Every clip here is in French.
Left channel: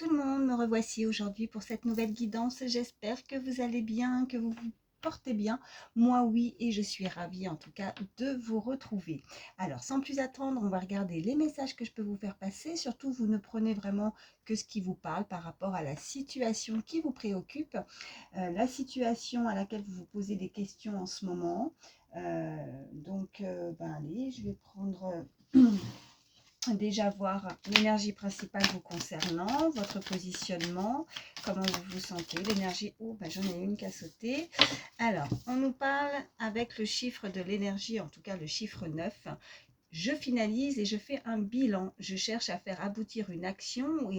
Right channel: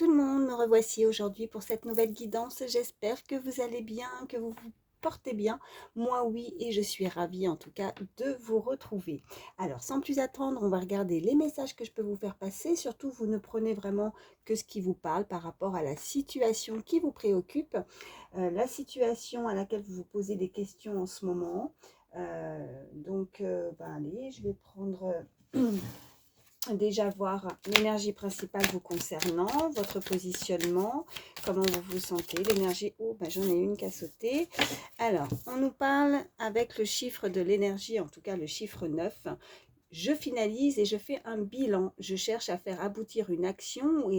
tout le monde, me revoici aujourd'hui pour cette nouvelle guidance. J'espère que vous allez bien, que vous vous portez bien. Moi oui, et je suis ravie en tout cas de vous retrouver. Alors sans plus attendre, on va regarder les messages que je peux vous faire passer. Surtout, vous ne prenez vraiment que ce qui vous parle par rapport à la situation qui vous préoccupe, la situation à laquelle vous vous posez des questions en ce moment. Allez, je vais prendre... déjà voir l'énergie principale vous concernant, votre positionnement, comment vous vous sentez, l'énergie, oh ben j'en ai une qui a sauté. Alors, on nous parle avec le chiffre de l'énergie, en tout cas le chiffre 9. Je finalise et je fais un bilan. Je cherche à faire aboutir une action ou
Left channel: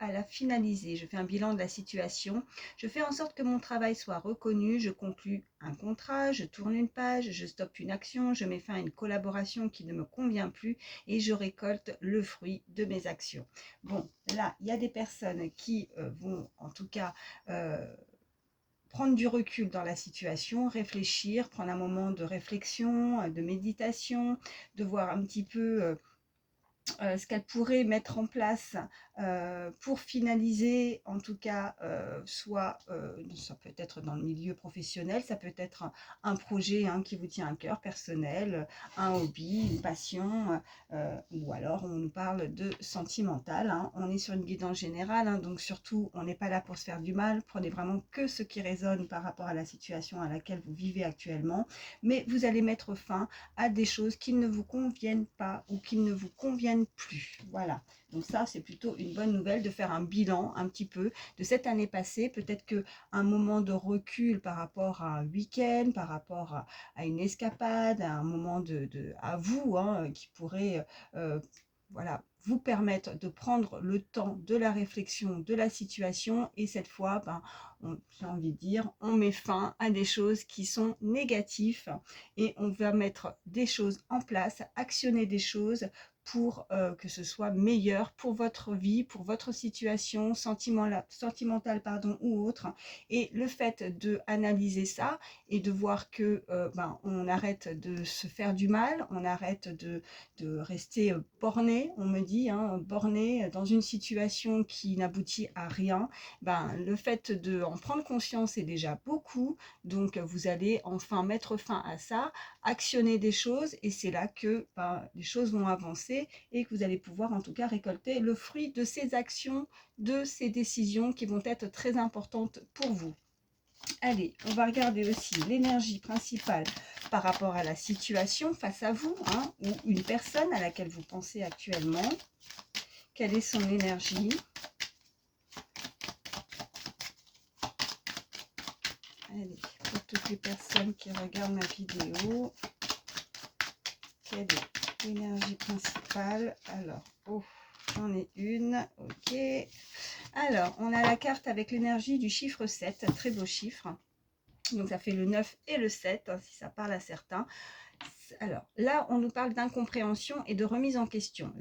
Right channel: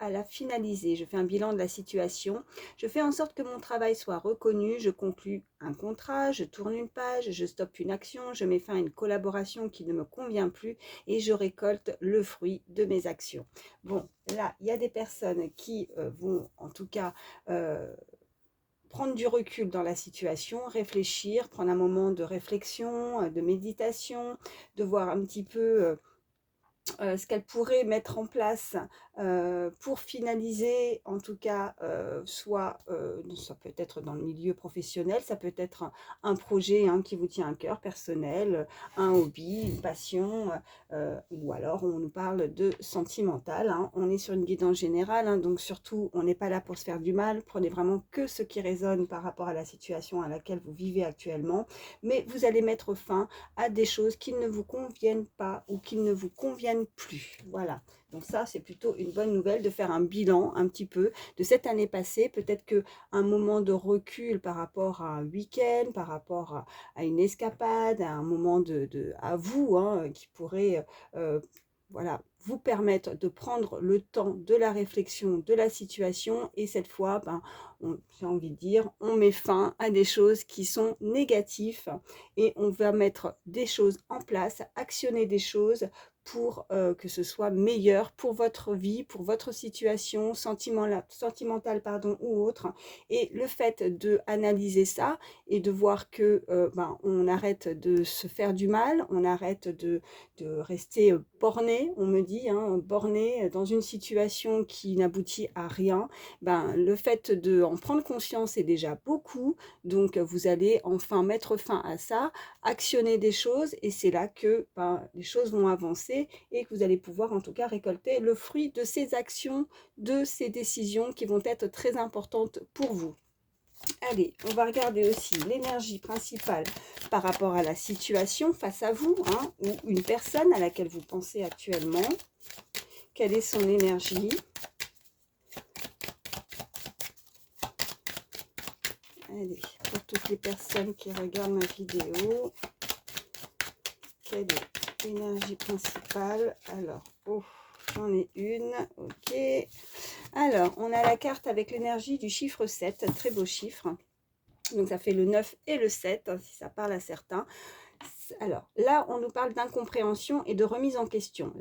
à la finaliser. Je fais un bilan de la situation. Je fais en sorte que mon travail soit reconnu. Je conclus un contrat, je tourne une page, je stoppe une action, je mets fin à une collaboration qui ne me convient plus et je récolte le fruit de mes actions. Bon, là, il y a des personnes qui vont en tout cas... prendre du recul dans la situation, réfléchir, prendre un moment de réflexion, de méditation, de voir un petit peu ce qu'elle pourrait mettre en place pour finaliser, en tout cas, ça peut être dans le milieu professionnel, ça peut être un projet qui vous tient à cœur, personnel, un hobby, une passion, ou alors on nous parle de sentimental. On est sur une guidance générale, donc surtout, on n'est pas là pour se faire du mal, prenez vraiment que ce qui résonne par rapport à la situation à laquelle vous vivez actuellement, mais vous allez mettre fin à des choses qui ne vous conviennent pas ou qui ne vous conviennent plus. Voilà. Donc ça, c'est plutôt une bonne nouvelle de faire un bilan un petit peu de cette année passée. Peut-être qu'un moment de recul par rapport à un week-end, par rapport à une escapade, à un moment à vous, qui pourrait voilà, vous permettre de prendre le temps de la réflexion, de la situation. Et cette fois, j'ai envie de dire, on met fin à des choses qui sont négatives et on va mettre des choses en place, actionner des choses pour que ce soit meilleur pour votre vie, pour votre situation sentimentale ou autre. Et le fait de analyser ça et de voir que on arrête de se faire du mal, on arrête de rester borné, on me dit, borné dans une situation qui n'aboutit à rien, le fait de en prendre conscience est déjà beaucoup. Donc vous allez enfin mettre fin à ça, actionner des choses et c'est là que les choses vont avancer et que vous allez pouvoir en tout cas récolter le fruit de ces actions, de ces décisions qui vont être très importantes pour vous. Allez, on va regarder aussi l'énergie principale par rapport à la situation face à vous, ou une personne à laquelle vous pensez actuellement. Quelle est son énergie? Allez, pour toutes les personnes qui regardent ma vidéo, quelle est l'énergie principale? Alors, j'en ai une, ok. Alors, on a la carte avec l'énergie du chiffre 7, très beau chiffre. Donc, ça fait le 9 et le 7, si ça parle à certains. Alors, là, on nous parle d'incompréhension et de remise en question.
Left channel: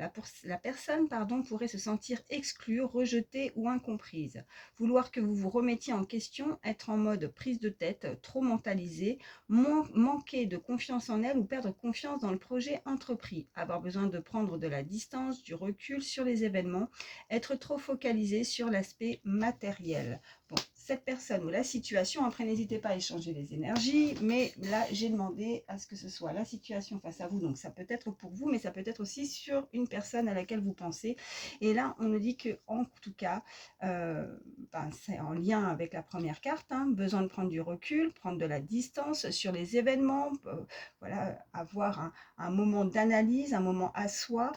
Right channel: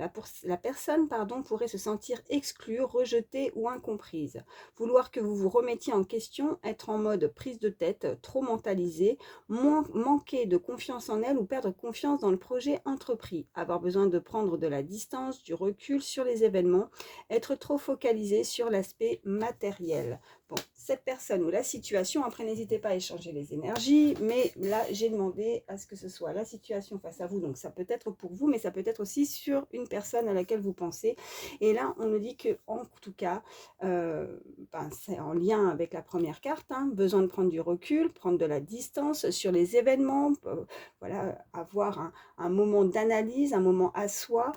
La personne pourrait se sentir exclue, rejetée ou incomprise. Vouloir que vous vous remettiez en question, être en mode prise de tête, trop mentalisé, manquer de confiance en elle ou perdre confiance dans le projet entrepris. Avoir besoin de prendre de la distance, du recul sur les événements, être trop focalisé sur l'aspect matériel. Bon, cette personne ou la situation, après n'hésitez pas à échanger les énergies, mais là j'ai demandé à ce que ce soit la situation face à vous, donc ça peut être pour vous, mais ça peut être aussi sur une personne à laquelle vous pensez. Et là on nous dit que en tout cas, c'est en lien avec la première carte, besoin de prendre du recul, prendre de la distance sur les événements, voilà, avoir un moment d'analyse, un moment à soi.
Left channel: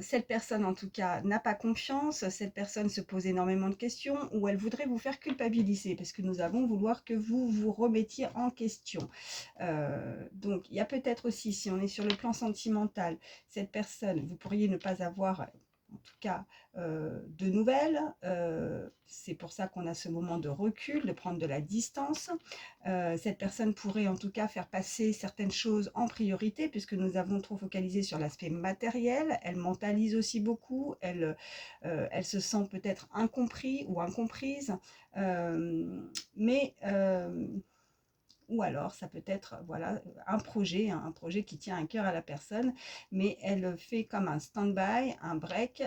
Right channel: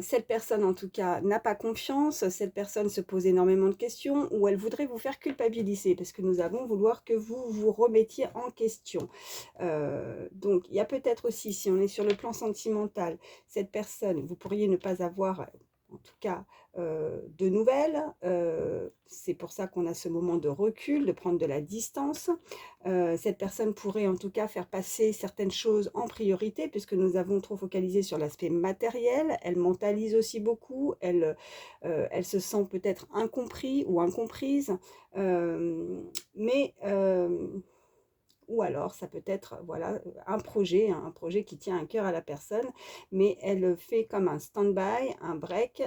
Cette personne en tout cas n'a pas confiance, cette personne se pose énormément de questions ou elle voudrait vous faire culpabiliser parce que nous avons vouloir que vous vous remettiez en question. Donc il y a peut-être aussi, si on est sur le plan sentimental, cette personne, vous pourriez ne pas avoir en tout cas de nouvelles. C'est pour ça qu'on a ce moment de recul, de prendre de la distance. Cette personne pourrait en tout cas faire passer certaines choses en priorité puisque nous avons trop focalisé sur l'aspect matériel. Elle mentalise aussi beaucoup, elle se sent peut-être incompris ou incomprise, mais ou alors ça peut être voilà, un projet qui tient à cœur à la personne, mais elle fait comme un stand-by, un break,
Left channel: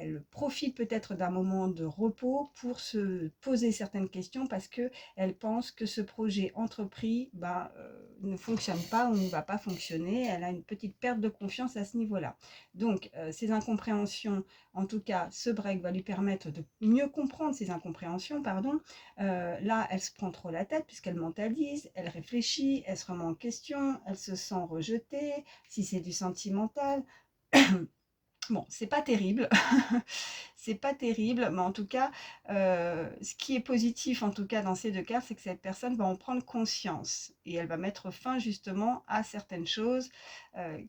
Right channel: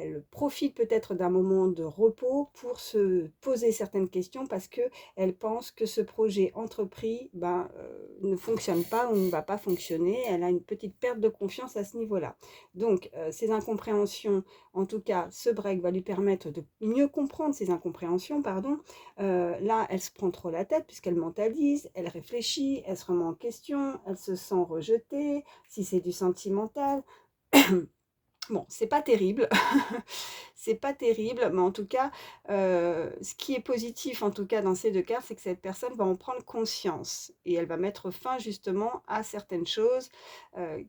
elle profite peut-être d'un moment de repos pour se poser certaines questions parce qu'elle pense que ce projet entrepris ne fonctionne pas ou ne va pas fonctionner. Elle a une petite perte de confiance à ce niveau-là. Donc, ces incompréhensions, en tout cas, ce break va lui permettre de mieux comprendre ces incompréhensions, pardon. Là, elle se prend trop la tête puisqu'elle mentalise, elle réfléchit, elle se remet en question, elle se sent rejetée, si c'est du sentimental. Bon, c'est pas terrible, c'est pas terrible, mais en tout cas, ce qui est positif, en tout cas dans ces deux cas, c'est que cette personne va en prendre conscience et elle va mettre fin justement à certaines choses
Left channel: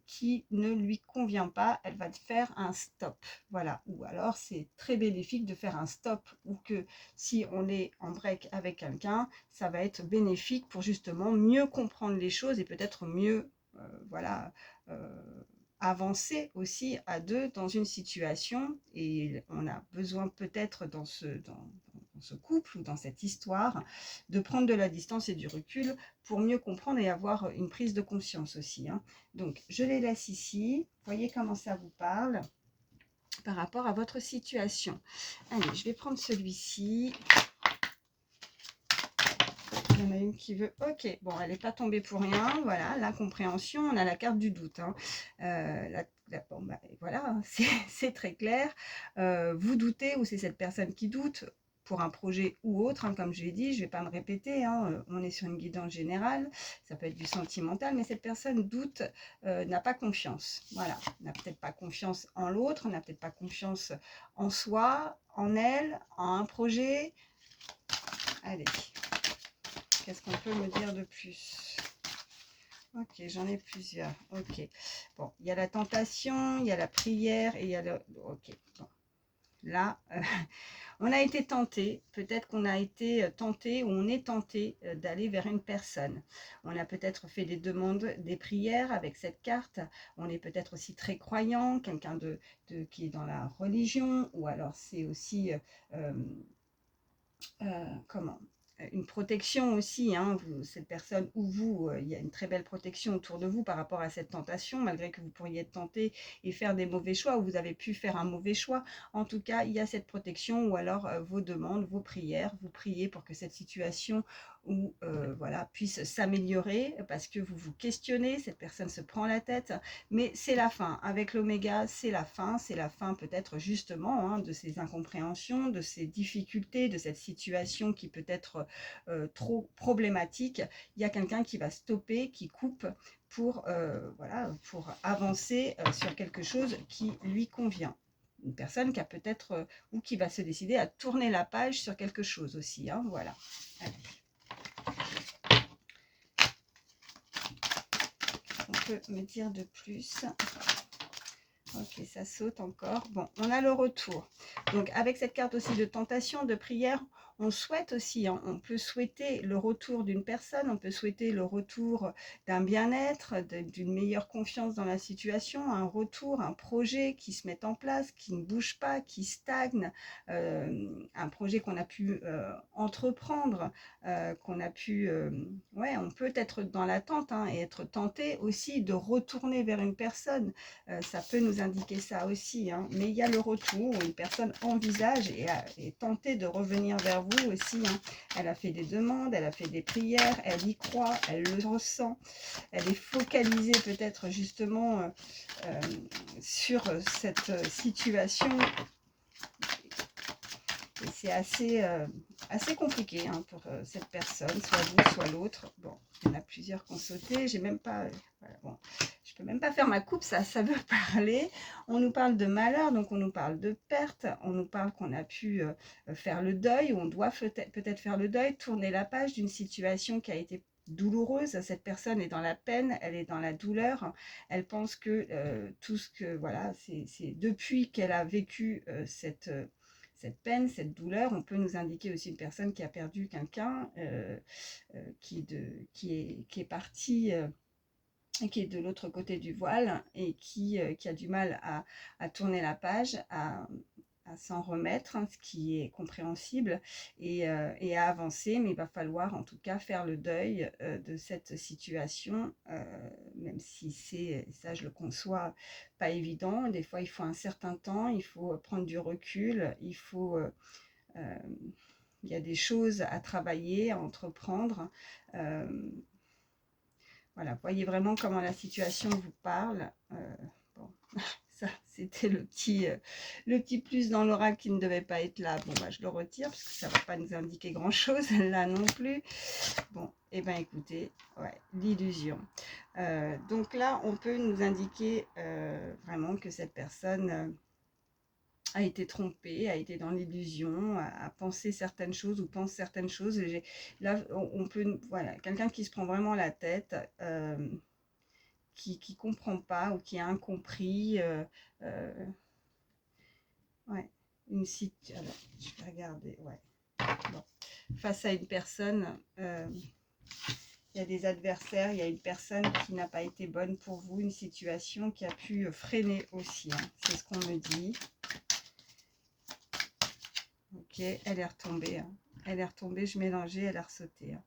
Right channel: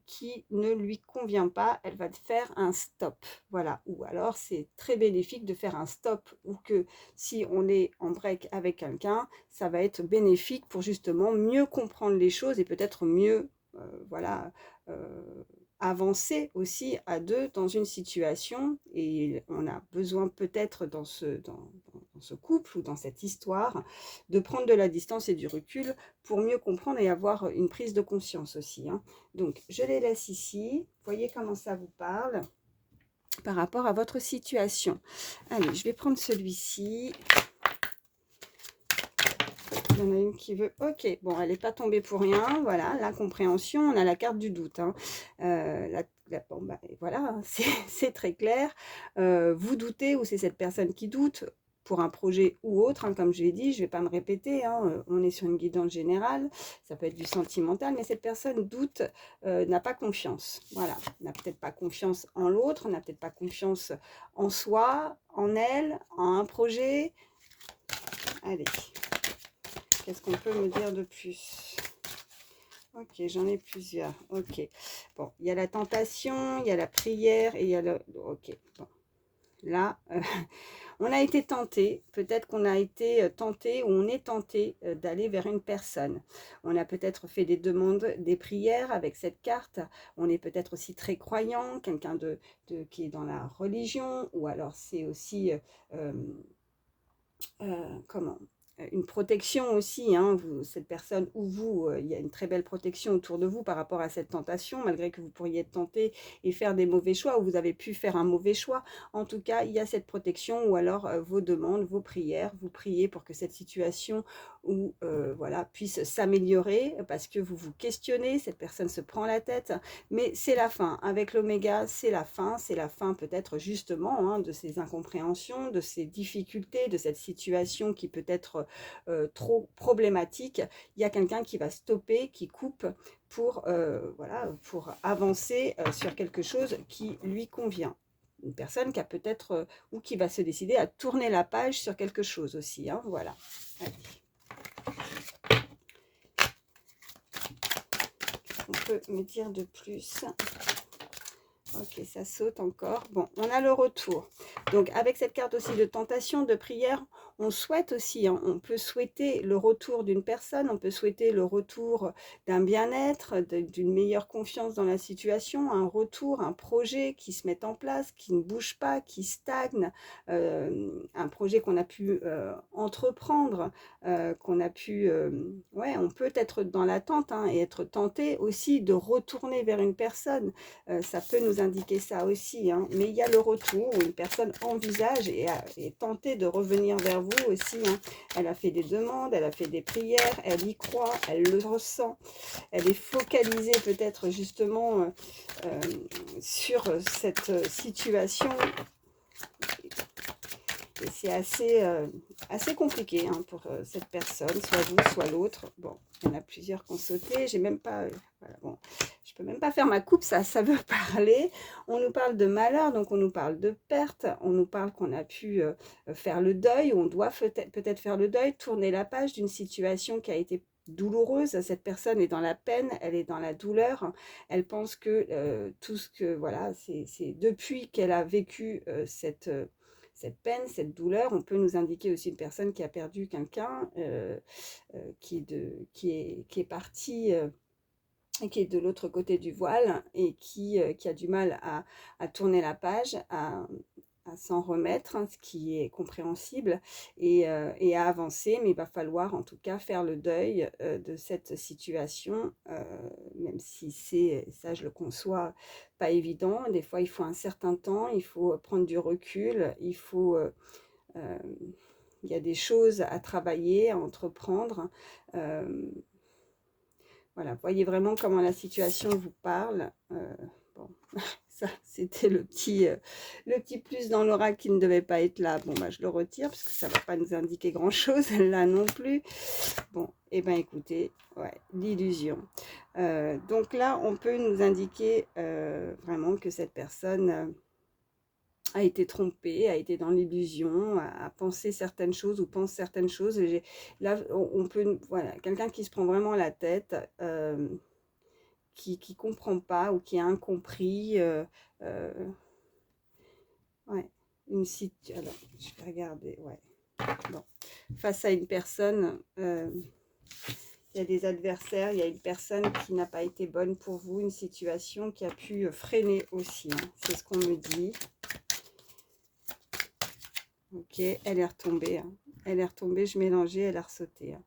qui ne lui conviennent pas. Elle va faire un stop, voilà. Ou alors, c'est très bénéfique de faire un stop ou que si on est en break avec quelqu'un, ça va être bénéfique pour justement mieux comprendre les choses et peut-être mieux, voilà. Avancer aussi à deux dans une situation et on a besoin peut-être dans ce couple ou dans cette histoire de prendre de la distance et du recul pour mieux comprendre et avoir une prise de conscience aussi, hein. Donc je les laisse ici, voyez comment ça vous parle par rapport à votre situation. Allez, je vais prendre celui-ci. Il y en a une qui veut... Ok, bon, elle n'est pas tombée pour rien. Voilà, l'incompréhension, on a la carte du doute, hein. Bon, voilà, hein, c'est très clair. Vous doutez ou c'est cette personne qui doute pour un projet ou autre, hein, comme je l'ai dit, je ne vais pas me répéter, hein, on est sur une guidance générale, ça peut être du sentimental, mais cette personne doute, n'a pas confiance. Voilà, n'a peut-être pas confiance en l'autre, n'a peut-être pas confiance en soi, en elle, en un projet. Allez. Qu'est-ce qu'on peut me dire de plus? Ok, j'en ai plusieurs. Ok. Bon, il y a la tentation, il y a la prière et il y a le... Ok, bon. Là, on a été tenté. Peut-être qu'on a été tenté ou on est tenté d'aller vers une personne. On a peut-être fait des demandes, des prières avec cette carte. On est peut-être aussi très croyant, quelqu'un qui est dans la religion. Ou alors c'est aussi... comment une protection aussi, hein, cette personne ou vous, il y a une très belle protection autour de vous par rapport à cette tentation, malgré que vous pourriez être tenté et faire des mauvais choix, ou vous avez pu faire un mauvais choix. En tout cas, il y a cette protection, ou alors vos demandes, vos prières, vous priez pour que cette situation voilà, puisse s'améliorer, parce que vous vous questionnez, cette personne se prend la tête, mais c'est la fin. Avec l'oméga, c'est la fin peut-être justement, hein, de ces incompréhensions, de ces difficultés, de cette situation qui peut être trop problématique. Il y a quelqu'un qui va stopper, qui coupe pour, voilà, pour avancer sur quelque chose qui lui convient. Une personne qui a peut-être, ou qui va se décider à tourner la page sur quelque chose aussi, hein, voilà. Allez. On peut me dire de plus? Ok, ça saute encore. Bon, on a le retour. Donc, avec cette carte aussi de tentation, de prière, on souhaite aussi, hein, on peut souhaiter le retour d'une personne, on peut souhaiter le retour d'un bien-être, d'une meilleure confiance dans la situation, un retour, un projet qui se met en place, qui ne bouge pas, qui stagne, un projet qu'on a pu entreprendre, qu'on a pu... ouais, on peut être dans l'attente, hein, et être tenté aussi de retourner vers une personne. Ça peut nous indiquer ça aussi, hein. Mais il y a le retour où une personne envisage et est tentée de revenir vers vous aussi, hein. Elle a fait des demandes, elle a fait des prières, elle y croit, elle le ressent, elle est focalisée peut-être justement sur cette situation. Et c'est assez compliqué, hein, pour cette personne, soit vous, soit l'autre. Bon, il y en a plusieurs qui ont sauté. J'ai même pas... voilà, bon, je peux même pas faire ma coupe, ça veut parler. On nous parle de malheur, donc on nous parle de perte. On nous parle qu'on a pu faire le deuil, on doit peut-être faire le deuil, tourner la page d'une situation qui a été douloureuse. Cette personne est dans la peine, elle est dans la douleur. Elle pense que tout ce que... Voilà, c'est depuis qu'elle a vécu cette peine, cette douleur. On peut nous indiquer aussi une personne qui a perdu quelqu'un, qui est parti, qui est de l'autre côté du voile et qui a du mal à tourner la page, à s'en remettre, hein, ce qui est compréhensible, et à avancer, mais il va falloir en tout cas faire le deuil de cette situation, même si c'est, ça je le conçois, pas évident. Des fois il faut un certain temps, il faut prendre du recul, euh, il y a des choses à travailler, à entreprendre. Euh, voilà, voyez vraiment comment la situation vous parle. Bon, ça, c'était le petit plus dans l'oracle qui ne devait pas être là. Bon, bah, je le retire parce que ça ne va pas nous indiquer grand-chose là non plus. Bon, et eh bien écoutez, ouais, l'illusion. Donc là, on peut nous indiquer vraiment que cette personne a été trompée, a été dans l'illusion, a pensé certaines choses ou pense certaines choses. Là, on peut, voilà, quelqu'un qui se prend vraiment la tête, qui ne comprend pas ou qui a incompris. Euh, ouais, alors, je vais regarder, ouais. Bon. Face à une personne, il y a des adversaires, il y a une personne qui n'a pas été bonne pour vous, une situation qui a pu freiner aussi, hein. C'est ce qu'on me dit. Ok, elle est retombée, hein. Elle est retombée, je mélangeais, elle a ressauté, hein.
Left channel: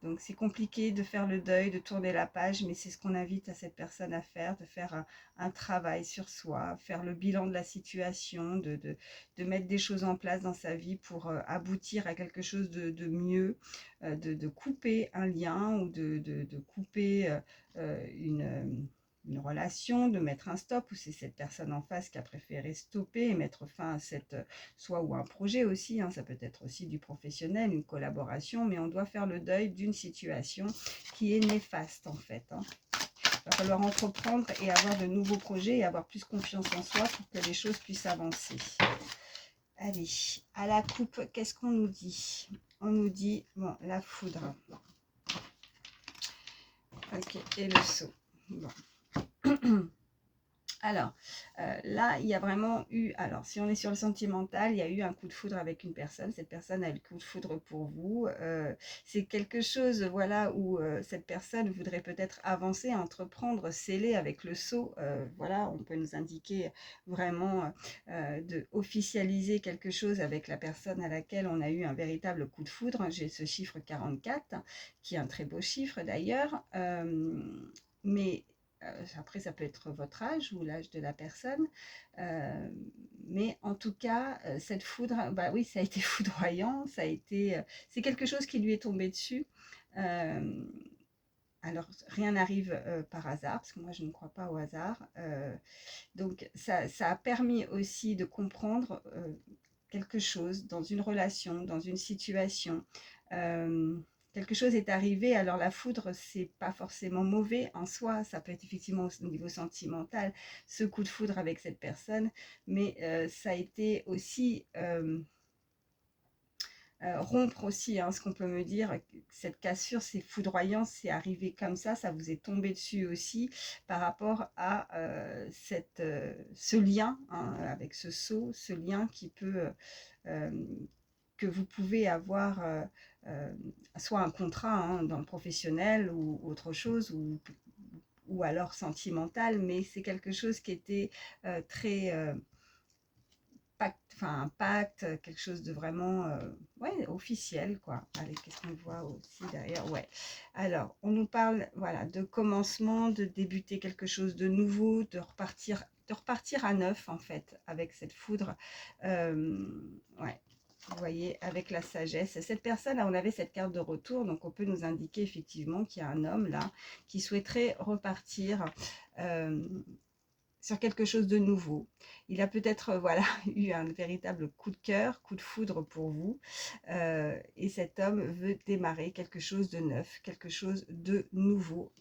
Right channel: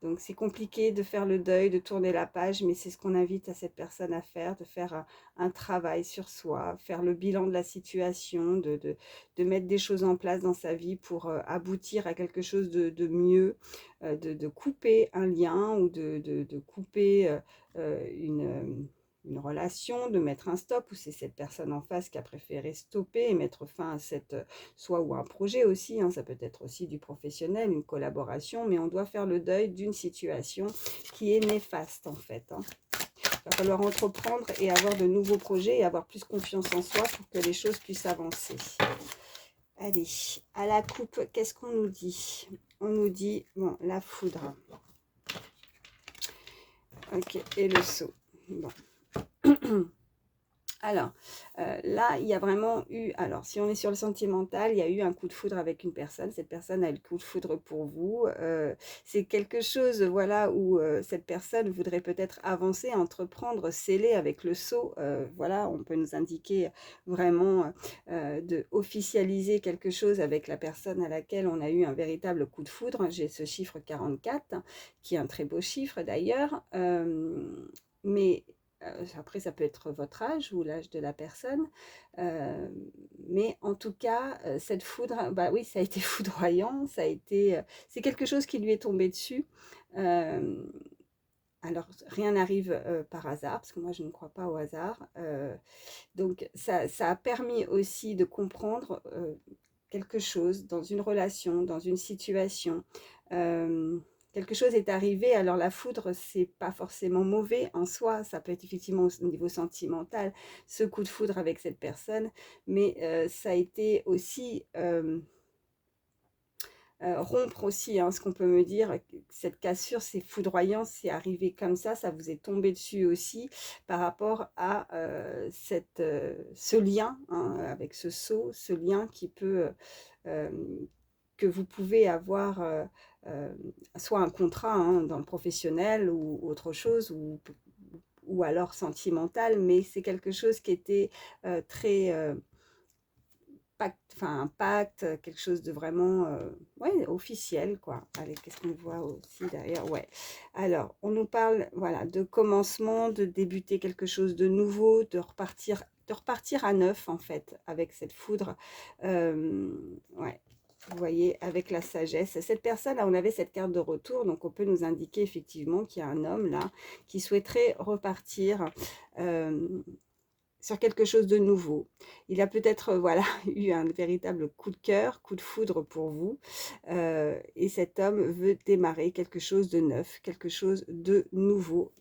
Donc c'est compliqué de faire le deuil, de tourner la page, mais c'est ce qu'on invite à cette personne à faire, de faire un travail sur soi, faire le bilan de la situation, de mettre des choses en place dans sa vie pour aboutir à quelque chose de mieux, de couper un lien ou de couper une relation, de mettre un stop, ou c'est cette personne en face qui a préféré stopper et mettre fin à cette, soit ou un projet aussi, hein, ça peut être aussi du professionnel, une collaboration, mais on doit faire le deuil d'une situation qui est néfaste en fait, hein. Il va falloir entreprendre et avoir de nouveaux projets et avoir plus confiance en soi pour que les choses puissent avancer. Allez, à la coupe, qu'est-ce qu'on nous dit? On nous dit, bon, la foudre. Ok, et le seau. Bon. Alors, là, il y a vraiment eu, alors si on est sur le sentimental, il y a eu un coup de foudre avec une personne, cette personne a eu le coup de foudre pour vous, c'est quelque chose, voilà, où cette personne voudrait peut-être avancer, entreprendre, sceller avec le sceau, voilà, on peut nous indiquer vraiment de officialiser quelque chose avec la personne à laquelle on a eu un véritable coup de foudre. J'ai ce chiffre 44, qui est un très beau chiffre d'ailleurs, mais après, ça peut être votre âge ou l'âge de la personne. Mais en tout cas, cette foudre, bah oui, ça a été foudroyant. C'est quelque chose qui lui est tombé dessus. Alors, rien n'arrive par hasard, parce que moi, je ne crois pas au hasard. Donc, ça a permis aussi de comprendre quelque chose dans une relation, dans une situation. Quelque chose est arrivé, alors la foudre, c'est pas forcément mauvais en soi, ça peut être effectivement au niveau sentimental, ce coup de foudre avec cette personne, mais ça a été aussi rompre aussi, hein, ce qu'on peut me dire, cette cassure, c'est foudroyant, c'est arrivé comme ça vous est tombé dessus aussi par rapport à ce lien, hein, avec ce sceau, ce lien qui peut, euh, que vous pouvez avoir, soit un contrat, hein, dans le professionnel ou autre chose, ou alors sentimental, mais c'est quelque chose qui était très enfin un pacte, quelque chose de vraiment ouais, officiel, quoi. Allez, qu'est-ce qu'on voit aussi derrière? Ouais. Alors, on nous parle, voilà, de commencement, de débuter quelque chose de nouveau, de repartir à neuf, en fait, avec cette foudre. Ouais. Vous voyez, avec la sagesse. Cette personne, là, on avait cette carte de retour, donc on peut nous indiquer effectivement qu'il y a un homme, là, qui souhaiterait repartir sur quelque chose de nouveau. Il a peut-être voilà, eu un véritable coup de cœur, coup de foudre pour vous. Et cet homme veut démarrer quelque chose de neuf, quelque chose de nouveau.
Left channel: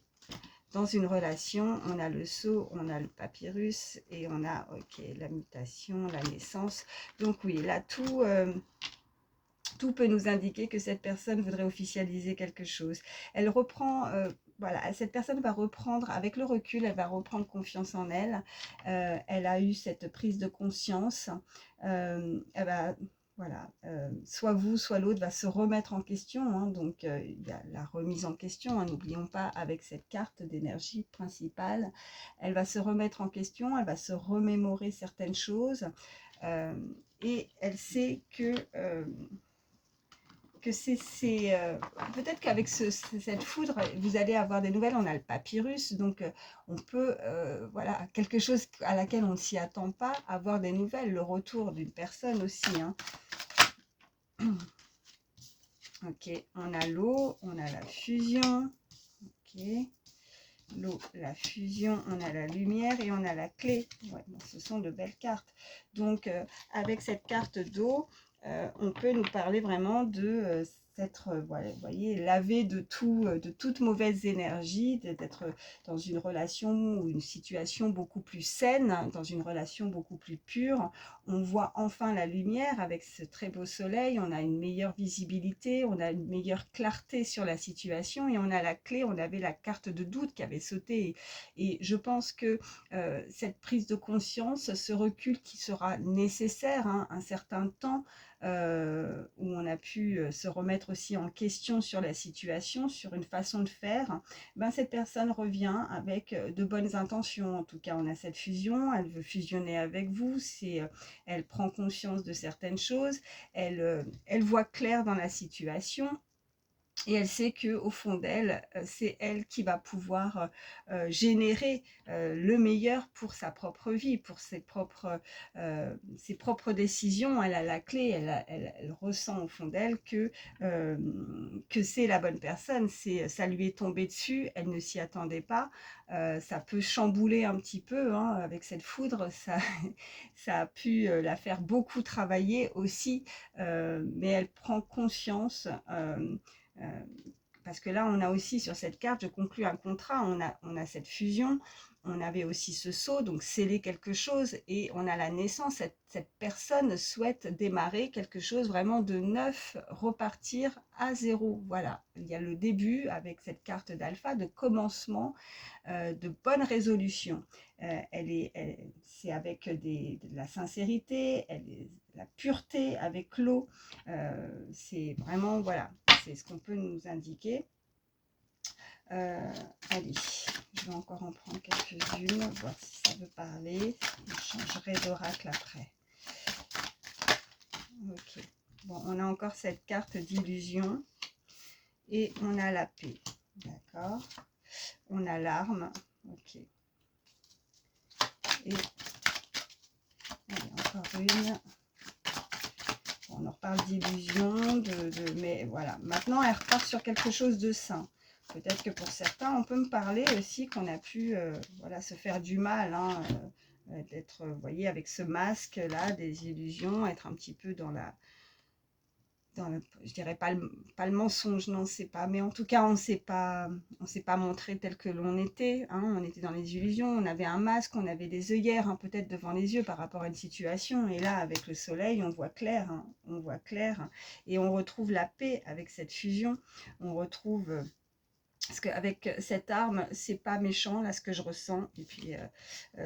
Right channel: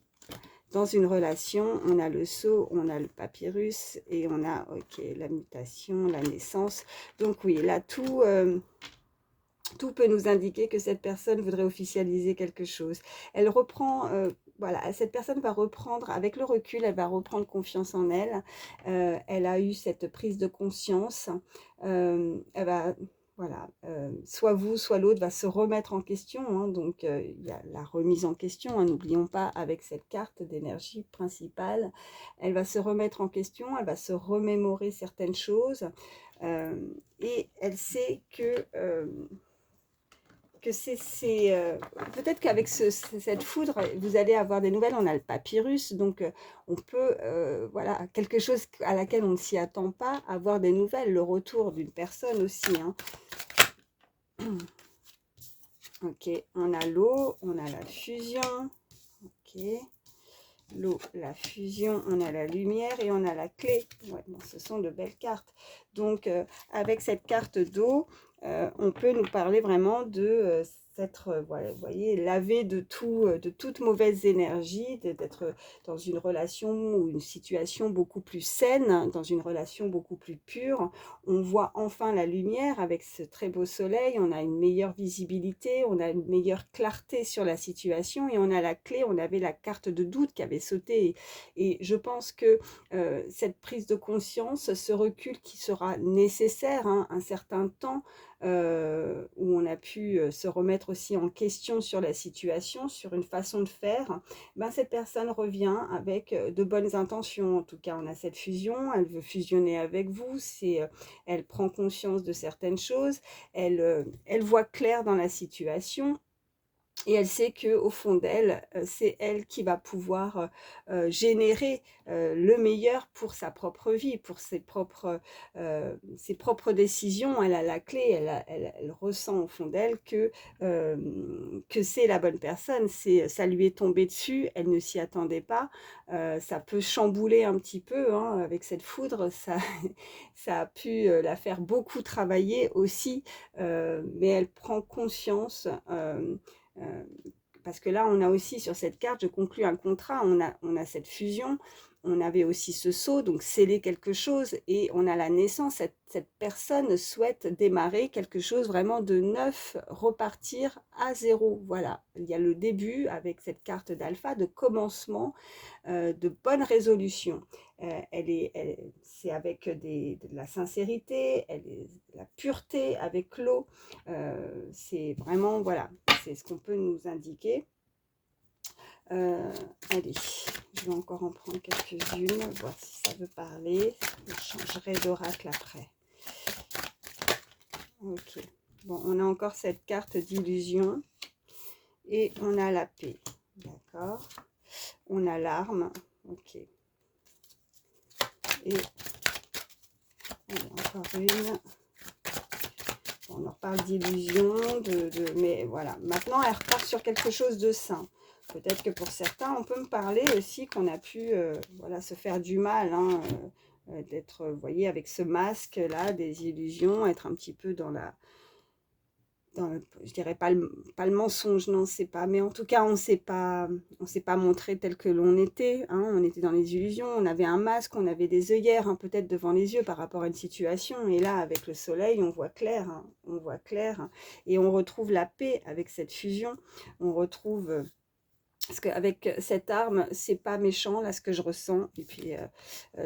Dans une relation, on a le sceau, on a le papyrus et on a la mutation, la naissance. Donc oui, là, tout peut nous indiquer que cette personne voudrait officialiser quelque chose. Elle reprend, voilà, cette personne va reprendre, avec le recul, elle va reprendre confiance en elle. Elle a eu cette prise de conscience. Elle va Voilà, soit vous, soit l'autre va se remettre en question, hein, donc il y a la remise en question, hein, n'oublions pas avec cette carte d'énergie principale, elle va se remettre en question, elle va se remémorer certaines choses, et elle sait que peut-être qu'avec cette foudre, vous allez avoir des nouvelles. On a le papyrus, donc on peut, voilà, quelque chose à laquelle on ne s'y attend pas, avoir des nouvelles, le retour d'une personne aussi, hein. Ok, on a l'eau, on a la fusion, ok, l'eau, la fusion, on a la lumière et on a la clé. Ouais, bon, ce sont de belles cartes. Donc, avec cette carte d'eau, on peut nous parler vraiment de s'être, voilà, vous voyez, lavé de tout, de toute mauvaise énergie, d'être dans une relation ou une situation beaucoup plus saine, dans une relation beaucoup plus pure. On voit enfin la lumière avec ce très beau soleil, on a une meilleure visibilité, on a une meilleure clarté sur la situation et on a la clé, on avait la carte de doute qui avait sauté. Et je pense que cette prise de conscience, ce recul qui sera nécessaire, hein, un certain temps, où on a pu se remettre aussi en question sur la situation, sur une façon de faire, ben cette personne revient avec de bonnes intentions. En tout cas, on a cette fusion, elle veut fusionner avec vous, elle prend conscience de certaines choses, elle voit clair dans la situation. Et elle sait qu'au fond d'elle, c'est elle qui va pouvoir générer le meilleur pour sa propre vie, pour ses propres décisions. Elle a la clé, elle ressent au fond d'elle que c'est la bonne personne. Ça lui est tombé dessus, elle ne s'y attendait pas. Ça peut chambouler un petit peu, hein, avec cette foudre, ça a pu la faire beaucoup travailler aussi, mais elle prend conscience. Euh, Parce que là, on a aussi sur cette carte, je conclus un contrat, on a cette fusion, on avait aussi ce saut, donc sceller quelque chose, et on a la naissance, cette personne souhaite démarrer quelque chose vraiment de neuf, repartir à zéro. Voilà, il y a le début avec cette carte d'alpha, de commencement, de bonnes résolutions. C'est avec de la sincérité, la pureté avec l'eau. C'est vraiment, voilà, c'est ce qu'on peut nous indiquer. Allez, je vais encore en prendre quelques-unes, voir si ça veut parler. Je changerai d'oracle après. Ok. Bon, on a encore cette carte d'illusion. Et on a la paix. D'accord. On a l'arme. Ok. Et encore une. On en reparle d'illusion, mais voilà. Maintenant, elle repart sur quelque chose de sain. Peut-être que pour certains, on peut me parler aussi qu'on a pu voilà, se faire du mal, hein, d'être, vous voyez, avec ce masque-là, des illusions, être un petit peu dans je dirais pas le mensonge, non, c'est pas, mais en tout cas, on s'est pas montré tel que l'on était, hein, on était dans les illusions, on avait un masque, on avait des œillères, hein, peut-être devant les yeux par rapport à une situation, et là, avec le soleil, on voit clair, hein, on voit clair, hein, et on retrouve la paix avec cette fusion, on retrouve... parce qu'avec cette arme, c'est pas méchant, là, ce que je ressens. Et puis,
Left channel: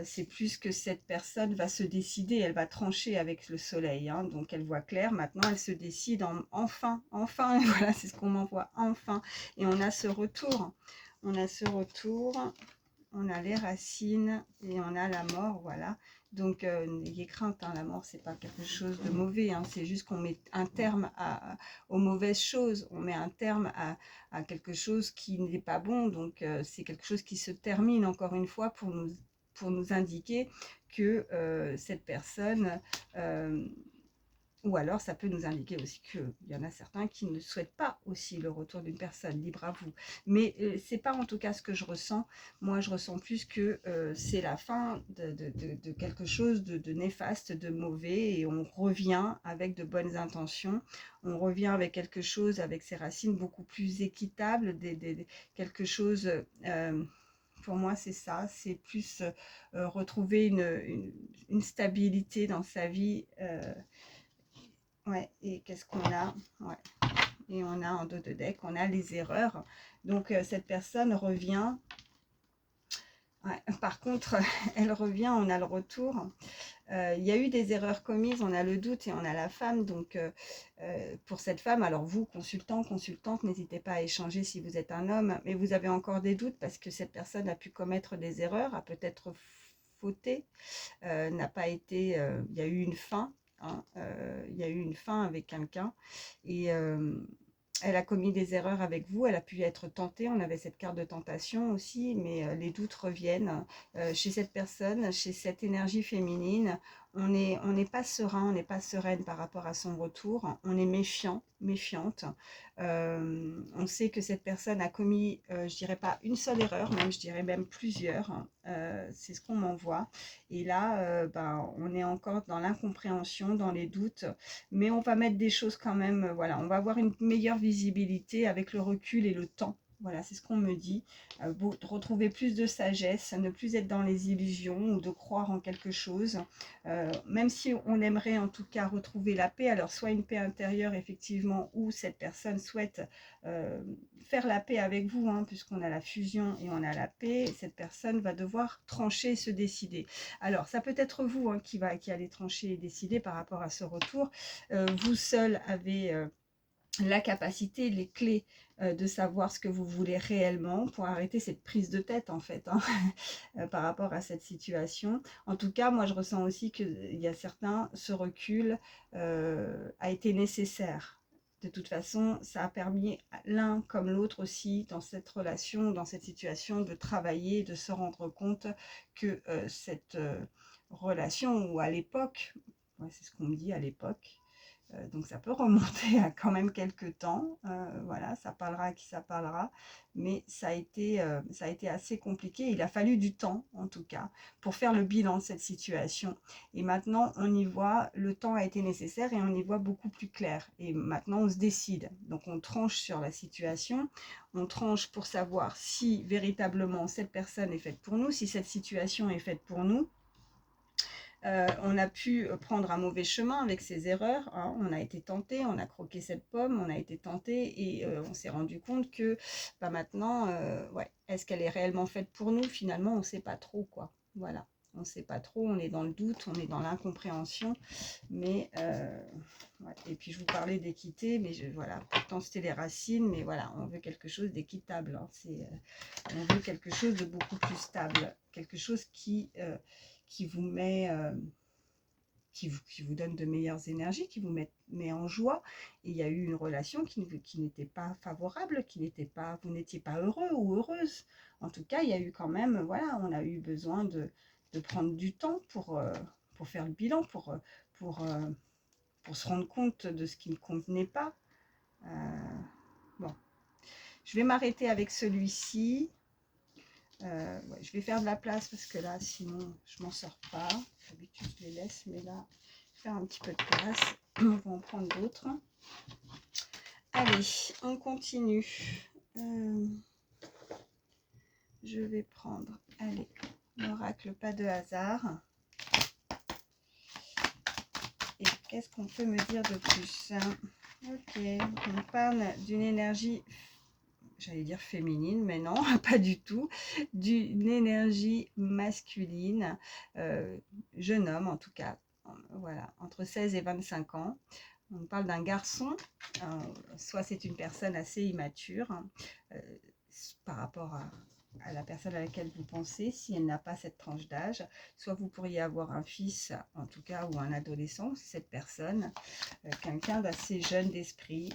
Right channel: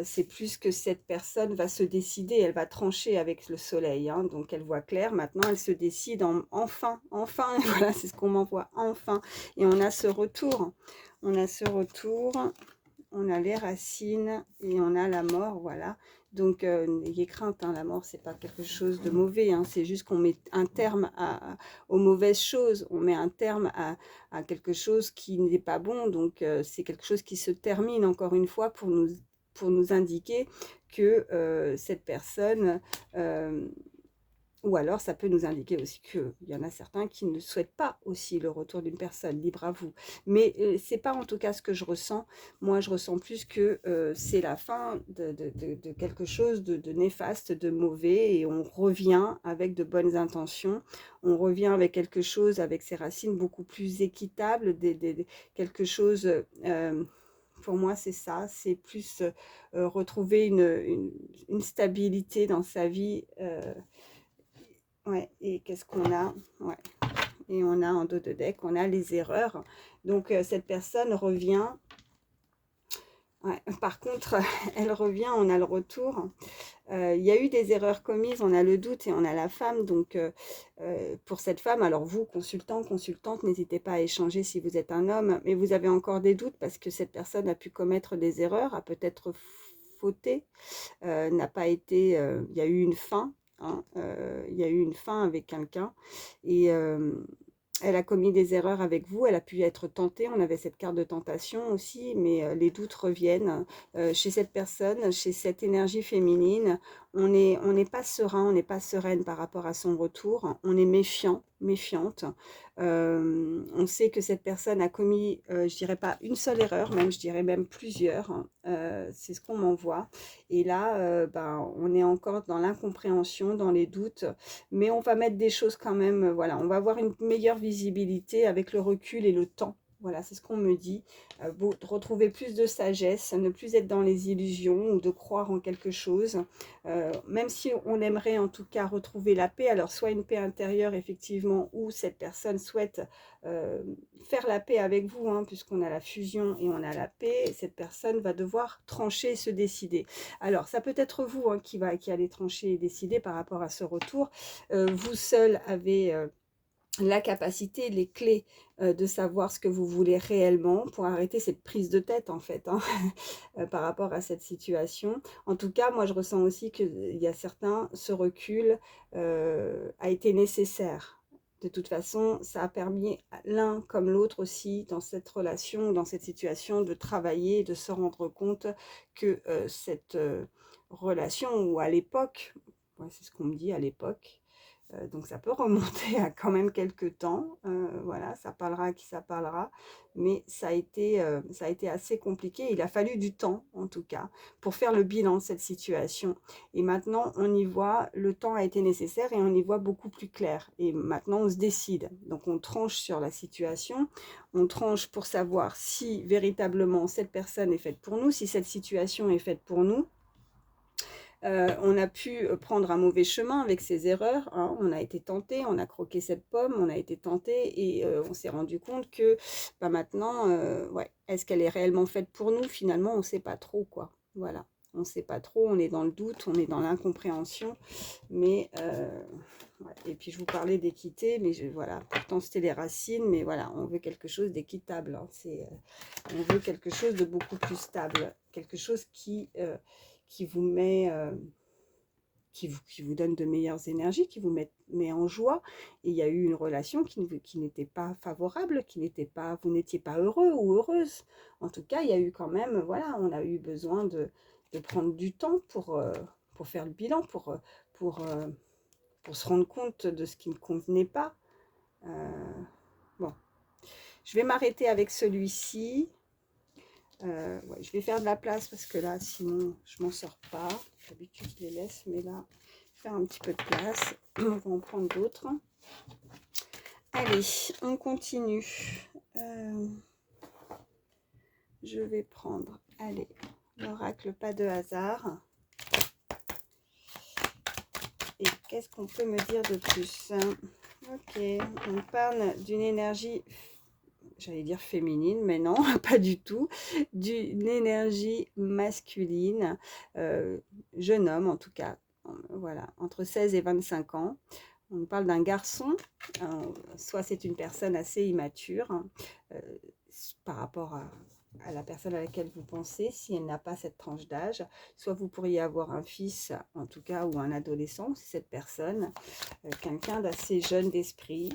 c'est plus que cette personne va se décider, elle va trancher avec le soleil. Hein, donc, elle voit clair. Maintenant, elle se décide enfin, enfin. Et voilà, c'est ce qu'on m'envoie, enfin. Et on a ce retour. On a ce retour. On a les racines et on a la mort, voilà. Donc, n'ayez crainte, hein, la mort, c'est pas quelque chose de mauvais, hein, c'est juste qu'on met un terme aux mauvaises choses, on met un terme à quelque chose qui n'est pas bon, donc c'est quelque chose qui se termine, encore une fois, pour nous indiquer que cette personne... ou alors, ça peut nous indiquer aussi qu'il y en a certains qui ne souhaitent pas aussi le retour d'une personne, libre à vous. Mais c'est pas en tout cas ce que je ressens. Moi, je ressens plus que c'est la fin de quelque chose de néfaste, de mauvais, et on revient avec de bonnes intentions. On revient avec quelque chose, avec ses racines beaucoup plus équitable, quelque chose... pour moi, c'est ça, c'est plus retrouver une stabilité dans sa vie. Ouais, et qu'est-ce qu'on a? Ouais. Et on a en dos de deck, on a les erreurs. Donc, cette personne revient Ouais. Par contre, elle revient, on a le retour. Il y a eu des erreurs commises, on a le doute et on a la femme. Donc, pour cette femme, alors vous, consultant, consultante, n'hésitez pas à échanger si vous êtes un homme, mais vous avez encore des doutes parce que cette personne a pu commettre des erreurs, a peut-être fauté, n'a pas été... il y a eu une fin, hein, il y a eu une fin avec quelqu'un. Et elle a commis des erreurs avec vous, elle a pu être tentée, on avait cette carte de tentation aussi, mais les doutes reviennent chez cette personne, chez cette énergie féminine. On n'est pas serein, on n'est pas sereine par rapport à son retour, on est méfiant, méfiante. On sait que cette personne a commis, je dirais pas une seule erreur, même je dirais même plusieurs, hein. C'est ce qu'on m'envoie. Et là, ben, on est encore dans l'incompréhension, dans les doutes, mais on va mettre des choses quand même, voilà, on va avoir une meilleure visibilité avec le recul et le temps. Voilà, c'est ce qu'on me dit. Retrouver plus de sagesse, ne plus être dans les illusions ou de croire en quelque chose. Même si on aimerait en tout cas retrouver la paix, alors soit une paix intérieure effectivement, ou cette personne souhaite faire la paix avec vous, hein, puisqu'on a la fusion et on a la paix, cette personne va devoir trancher et se décider. Alors, ça peut être vous, hein, qui allez trancher et décider par rapport à ce retour. Vous seul avez la capacité, les clés de savoir ce que vous voulez réellement pour arrêter cette prise de tête en fait, hein, par rapport à cette situation. En tout cas, moi je ressens aussi qu'il y a certains, ce recul a été nécessaire. De toute façon, ça a permis l'un comme l'autre aussi dans cette relation, dans cette situation, de travailler, de se rendre compte que cette relation, ou à l'époque, ouais, c'est ce qu'on me dit à l'époque, donc ça peut remonter à quand même quelques temps, voilà, ça parlera à qui ça parlera, mais ça a été assez compliqué. Il a fallu du temps, en tout cas, pour faire le bilan de cette situation. Et maintenant, on y voit, le temps a été nécessaire et on y voit beaucoup plus clair. Et maintenant, on se décide. Donc, on tranche sur la situation, on tranche pour savoir si véritablement cette personne est faite pour nous, si cette situation est faite pour nous. On a pu prendre un mauvais chemin avec ses erreurs, hein. On a été tenté, on a croqué cette pomme, on a été tenté et on s'est rendu compte que bah, maintenant, ouais, est-ce qu'elle est réellement faite pour nous? Finalement, on ne sait pas trop, quoi. Voilà, on ne sait pas trop, on est dans le doute, on est dans l'incompréhension, mais ouais. Et puis je vous parlais d'équité, mais voilà, pourtant c'était les racines, mais voilà, on veut quelque chose d'équitable, hein. On veut quelque chose de beaucoup plus stable, quelque chose qui vous met, qui vous donne de meilleures énergies, qui vous met en joie. Et il y a eu une relation qui n'était pas favorable, vous n'étiez pas heureux ou heureuse. En tout cas, il y a eu quand même, voilà, on a eu besoin de prendre du temps pour faire le bilan, pour, euh, pour se rendre compte de ce qui ne convenait pas. Bon, je vais m'arrêter avec celui-ci. Ouais, je vais faire de la place parce que là, sinon, je m'en sors pas. D'habitude, je les laisse, mais là, faire un petit peu de place. On va en prendre d'autres. Allez, on continue. Je vais prendre, allez, l'oracle pas de hasard. Et qu'est-ce qu'on peut me dire de plus? Ok, on parle d'une énergie, j'allais dire féminine, mais non, pas du tout, d'une énergie masculine, jeune homme en tout cas, voilà, entre 16 et 25 ans. On parle d'un garçon, soit c'est une personne assez immature, hein, par rapport à la personne à laquelle vous pensez, si elle n'a pas cette tranche d'âge, soit vous pourriez avoir un fils, en tout cas, ou un adolescent, c'est cette personne, quelqu'un d'assez jeune d'esprit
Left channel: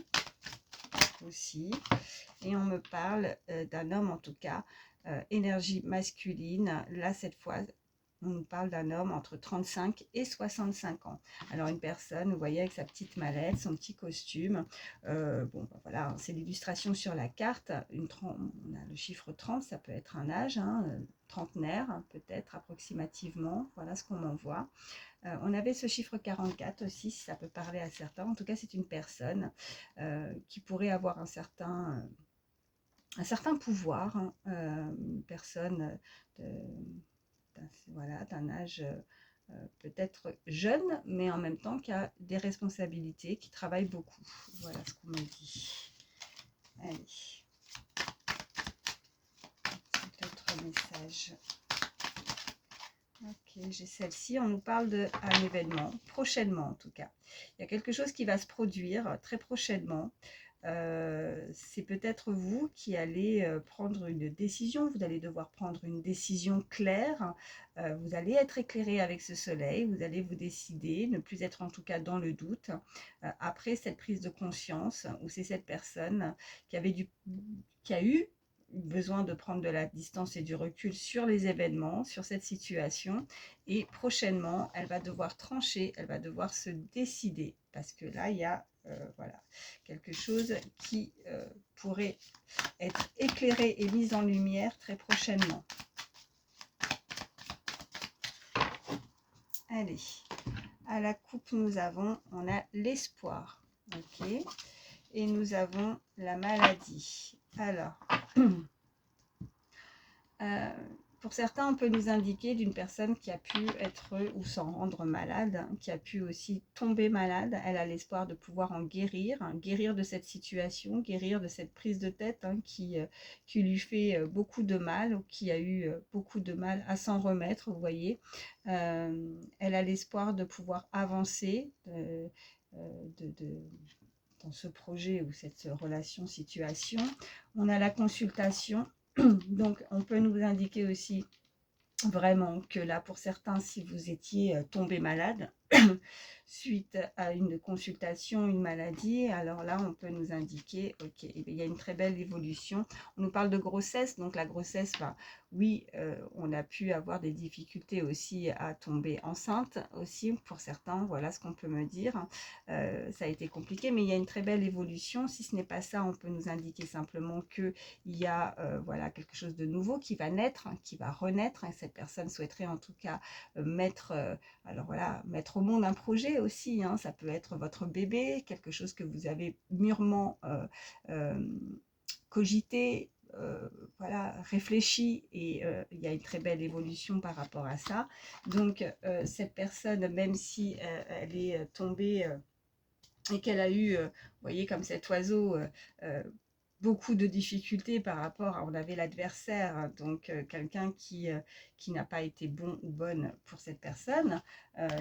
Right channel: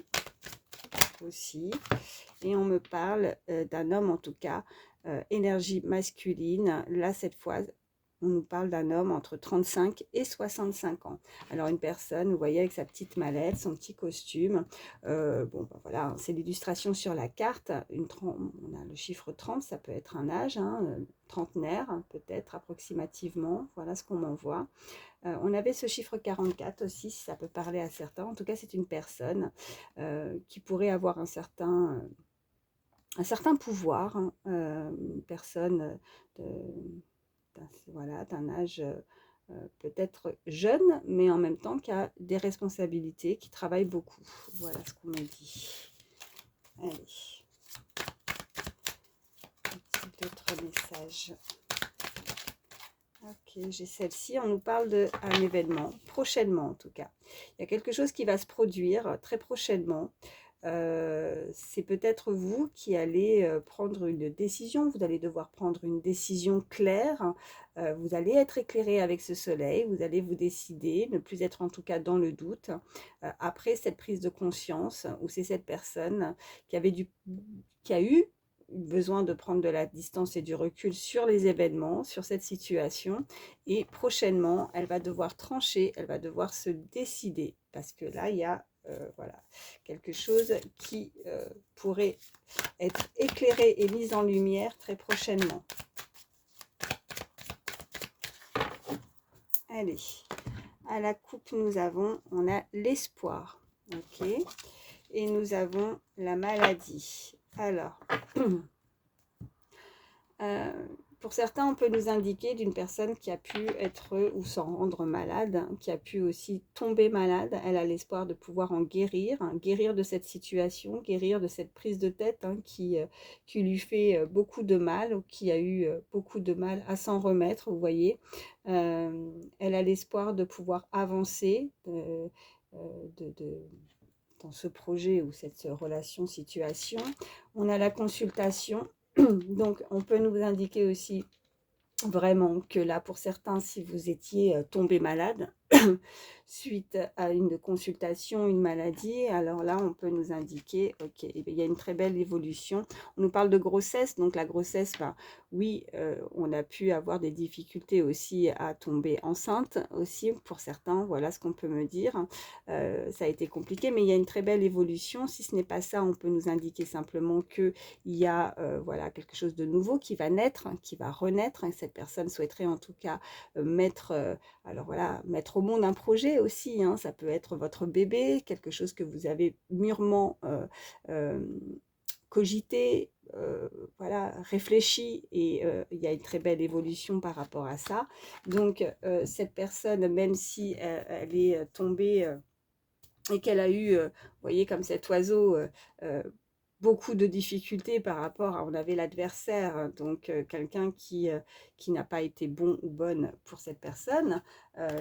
aussi. Et on me parle d'un homme, en tout cas, énergie masculine. Là, cette fois, on nous parle d'un homme entre 35 et 65 ans. Alors, une personne, vous voyez, avec sa petite mallette, son petit costume. Bon, ben voilà, c'est l'illustration sur la carte. On a le chiffre 30, ça peut être un âge, hein, trentenaire, hein, peut-être approximativement. Voilà ce qu'on m'envoie. On avait ce chiffre 44 aussi, si ça peut parler à certains. En tout cas, c'est une personne qui pourrait avoir un certain pouvoir, hein, une personne voilà, d'un âge peut-être jeune, mais en même temps qui a des responsabilités, qui travaille beaucoup. Voilà ce qu'on m'a dit. Allez, d'autres messages. Ok, j'ai celle-ci. On nous parle d'un événement, prochainement en tout cas. Il y a quelque chose qui va se produire très prochainement. C'est peut-être vous qui allez prendre une décision. Vous allez devoir prendre une décision claire. Vous allez être éclairé avec ce soleil. Vous allez vous décider, ne plus être en tout cas dans le doute. Après cette prise de conscience, où c'est cette personne qui avait qui a eu besoin de prendre de la distance et du recul sur les événements, sur cette situation. Et prochainement, elle va devoir trancher, elle va devoir se décider. Parce que là, il y a voilà, quelque chose qui pourrait être éclairé et mis en lumière très prochainement. Allez, à la coupe, on a l'espoir. Ok. Et nous avons la maladie. Alors, pour certains, on peut nous indiquer d'une personne qui a pu être ou s'en rendre malade, qui a pu aussi tomber malade. Elle a l'espoir de pouvoir en guérir, guérir de cette situation, guérir de cette prise de tête qui lui fait beaucoup de mal, ou qui a eu beaucoup de mal à s'en remettre, vous voyez. Elle a l'espoir de pouvoir avancer dans ce projet ou cette relation, situation. On a la consultation. Donc, on peut nous indiquer aussi vraiment que là, pour certains, si vous étiez tombé malade suite à une consultation, une maladie, alors là, on peut nous indiquer, ok, il y a une très belle évolution. On nous parle de grossesse, donc la grossesse, ben, oui, on a pu avoir des difficultés aussi à tomber enceinte aussi pour certains, voilà ce qu'on peut me dire. Ça a été compliqué, mais il y a une très belle évolution. Si ce n'est pas ça, on peut nous indiquer simplement qu'il y a voilà, quelque chose de nouveau qui va naître, qui va renaître. Et cette personne souhaiterait en tout cas alors voilà, mettre au monde un projet aussi. Ça peut être votre bébé, quelque chose que vous avez mûrement cogité, voilà, réfléchi, et il y a une très belle évolution par rapport à ça. Donc cette personne, même si elle est tombée et qu'elle a eu, vous voyez, comme cet oiseau, beaucoup de difficultés par rapport à, on avait l'adversaire, donc quelqu'un qui n'a pas été bon ou bonne pour cette personne.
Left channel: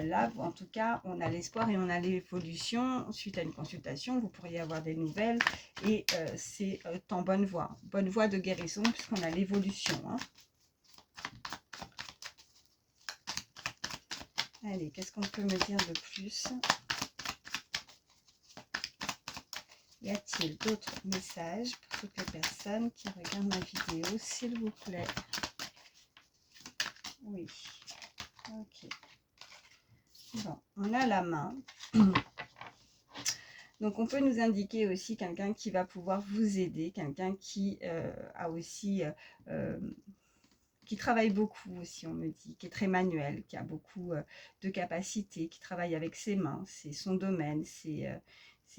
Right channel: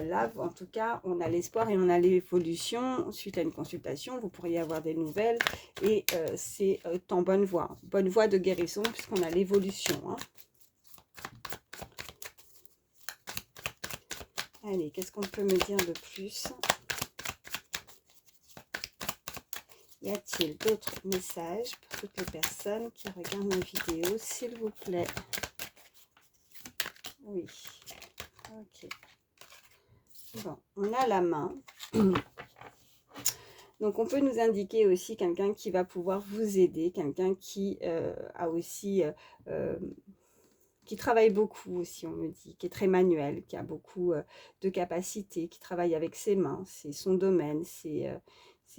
Là, en tout cas, on a l'espoir et on a l'évolution. Suite à une consultation, vous pourriez avoir des nouvelles, et c'est en bonne voie de guérison, puisqu'on a l'évolution. Allez, qu'est-ce qu'on peut me dire de plus ? Y a-t-il d'autres messages pour toutes les personnes qui regardent ma vidéo, s'il vous plaît? Oui. Ok. Bon, on a la main. Donc, on peut nous indiquer aussi quelqu'un qui va pouvoir vous aider, quelqu'un qui a aussi... qui travaille beaucoup aussi, on me dit, qui est très manuel, qui a beaucoup de capacités, qui travaille avec ses mains, c'est son domaine, c'est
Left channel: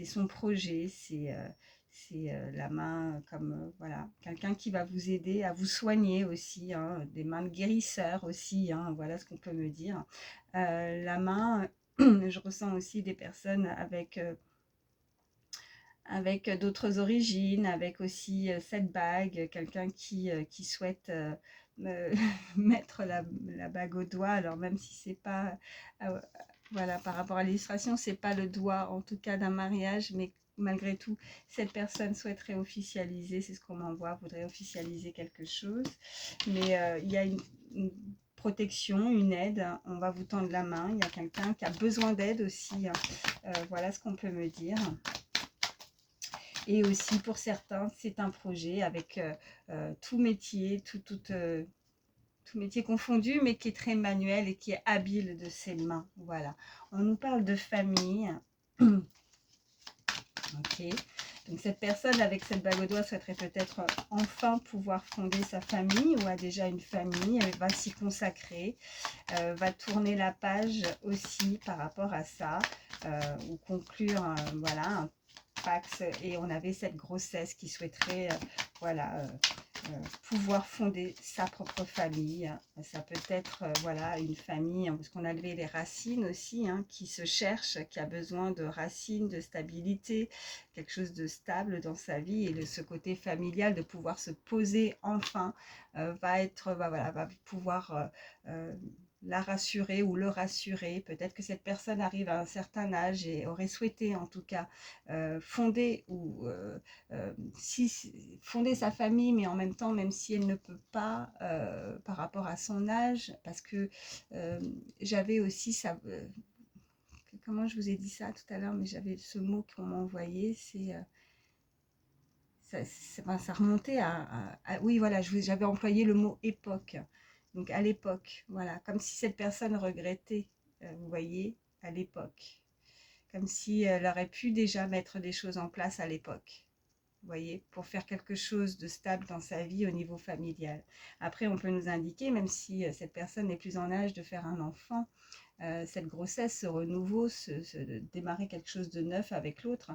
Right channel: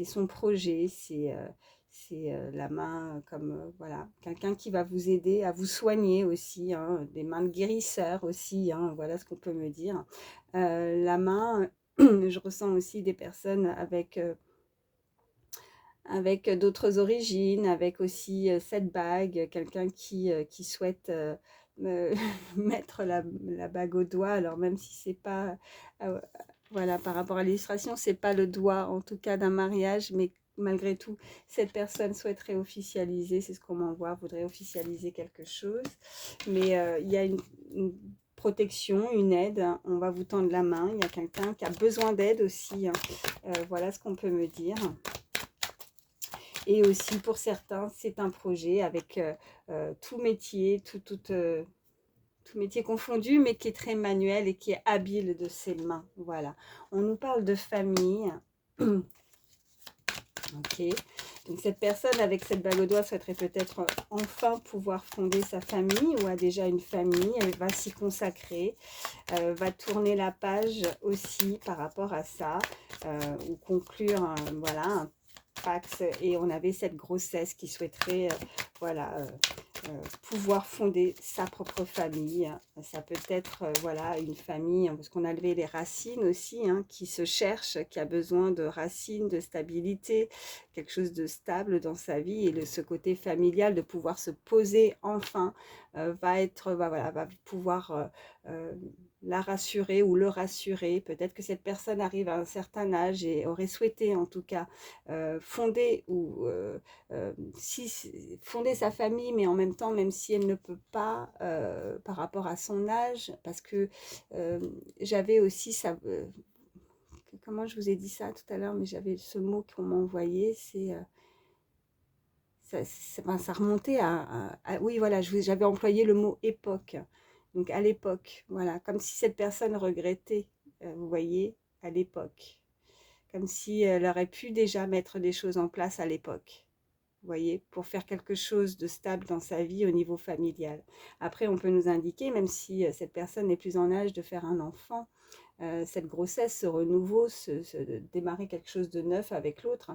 son projet, c'est la main comme, voilà, quelqu'un qui va vous aider à vous soigner aussi, des mains de guérisseur aussi, voilà ce qu'on peut me dire. La main, je ressens aussi des personnes avec d'autres origines, avec aussi cette bague, quelqu'un qui souhaite me mettre la bague au doigt, alors même si c'est pas, voilà, par rapport à l'illustration, c'est pas le doigt en tout cas d'un mariage, mais malgré tout, cette personne souhaiterait officialiser, c'est ce qu'on m'envoie, voudrait officialiser quelque chose, mais il y a une protection, une aide, on va vous tendre la main, il y a quelqu'un qui a besoin d'aide aussi, voilà ce qu'on peut me dire. Et aussi pour certains, c'est un projet avec tout métier, tout métier confondu, mais qui est très manuel et qui est habile de ses mains. Voilà. On nous parle de famille. Ok. Donc cette personne avec cette bague au doigt souhaiterait peut-être enfin pouvoir fonder sa famille, ou a déjà une famille. Elle va s'y consacrer, va tourner la page aussi par rapport à ça, ou conclure voilà, un Pax, et on avait cette grossesse qui souhaiterait voilà, pouvoir fonder sa propre famille. Ça peut être voilà, une famille, parce qu'on a levé les racines aussi, qui se cherche, qui a besoin de racines, de stabilité, quelque chose de stable dans sa vie, et ce côté familial de pouvoir se poser enfin va pouvoir la rassurer ou le rassurer. Peut-être que cette personne arrive à un certain âge et aurait souhaité en tout cas fonder fonder sa famille, mais en même temps, même si elle ne peut pas par rapport à son âge, parce que j'avais aussi ça. Comment je vous ai dit ça tout à l'heure, mais j'avais ce mot qu'on m'a envoyé, c'est ça remontait oui, voilà, j'avais employé le mot époque. Donc à l'époque, voilà, comme si cette personne regrettait, vous voyez, à l'époque. Comme si elle aurait pu déjà mettre des choses en place à l'époque, vous voyez, pour faire quelque chose de stable dans sa vie au niveau familial. Après, on peut nous indiquer, même si cette personne n'est plus en âge de faire un enfant, cette grossesse, ce renouveau, démarrer quelque chose de neuf avec l'autre.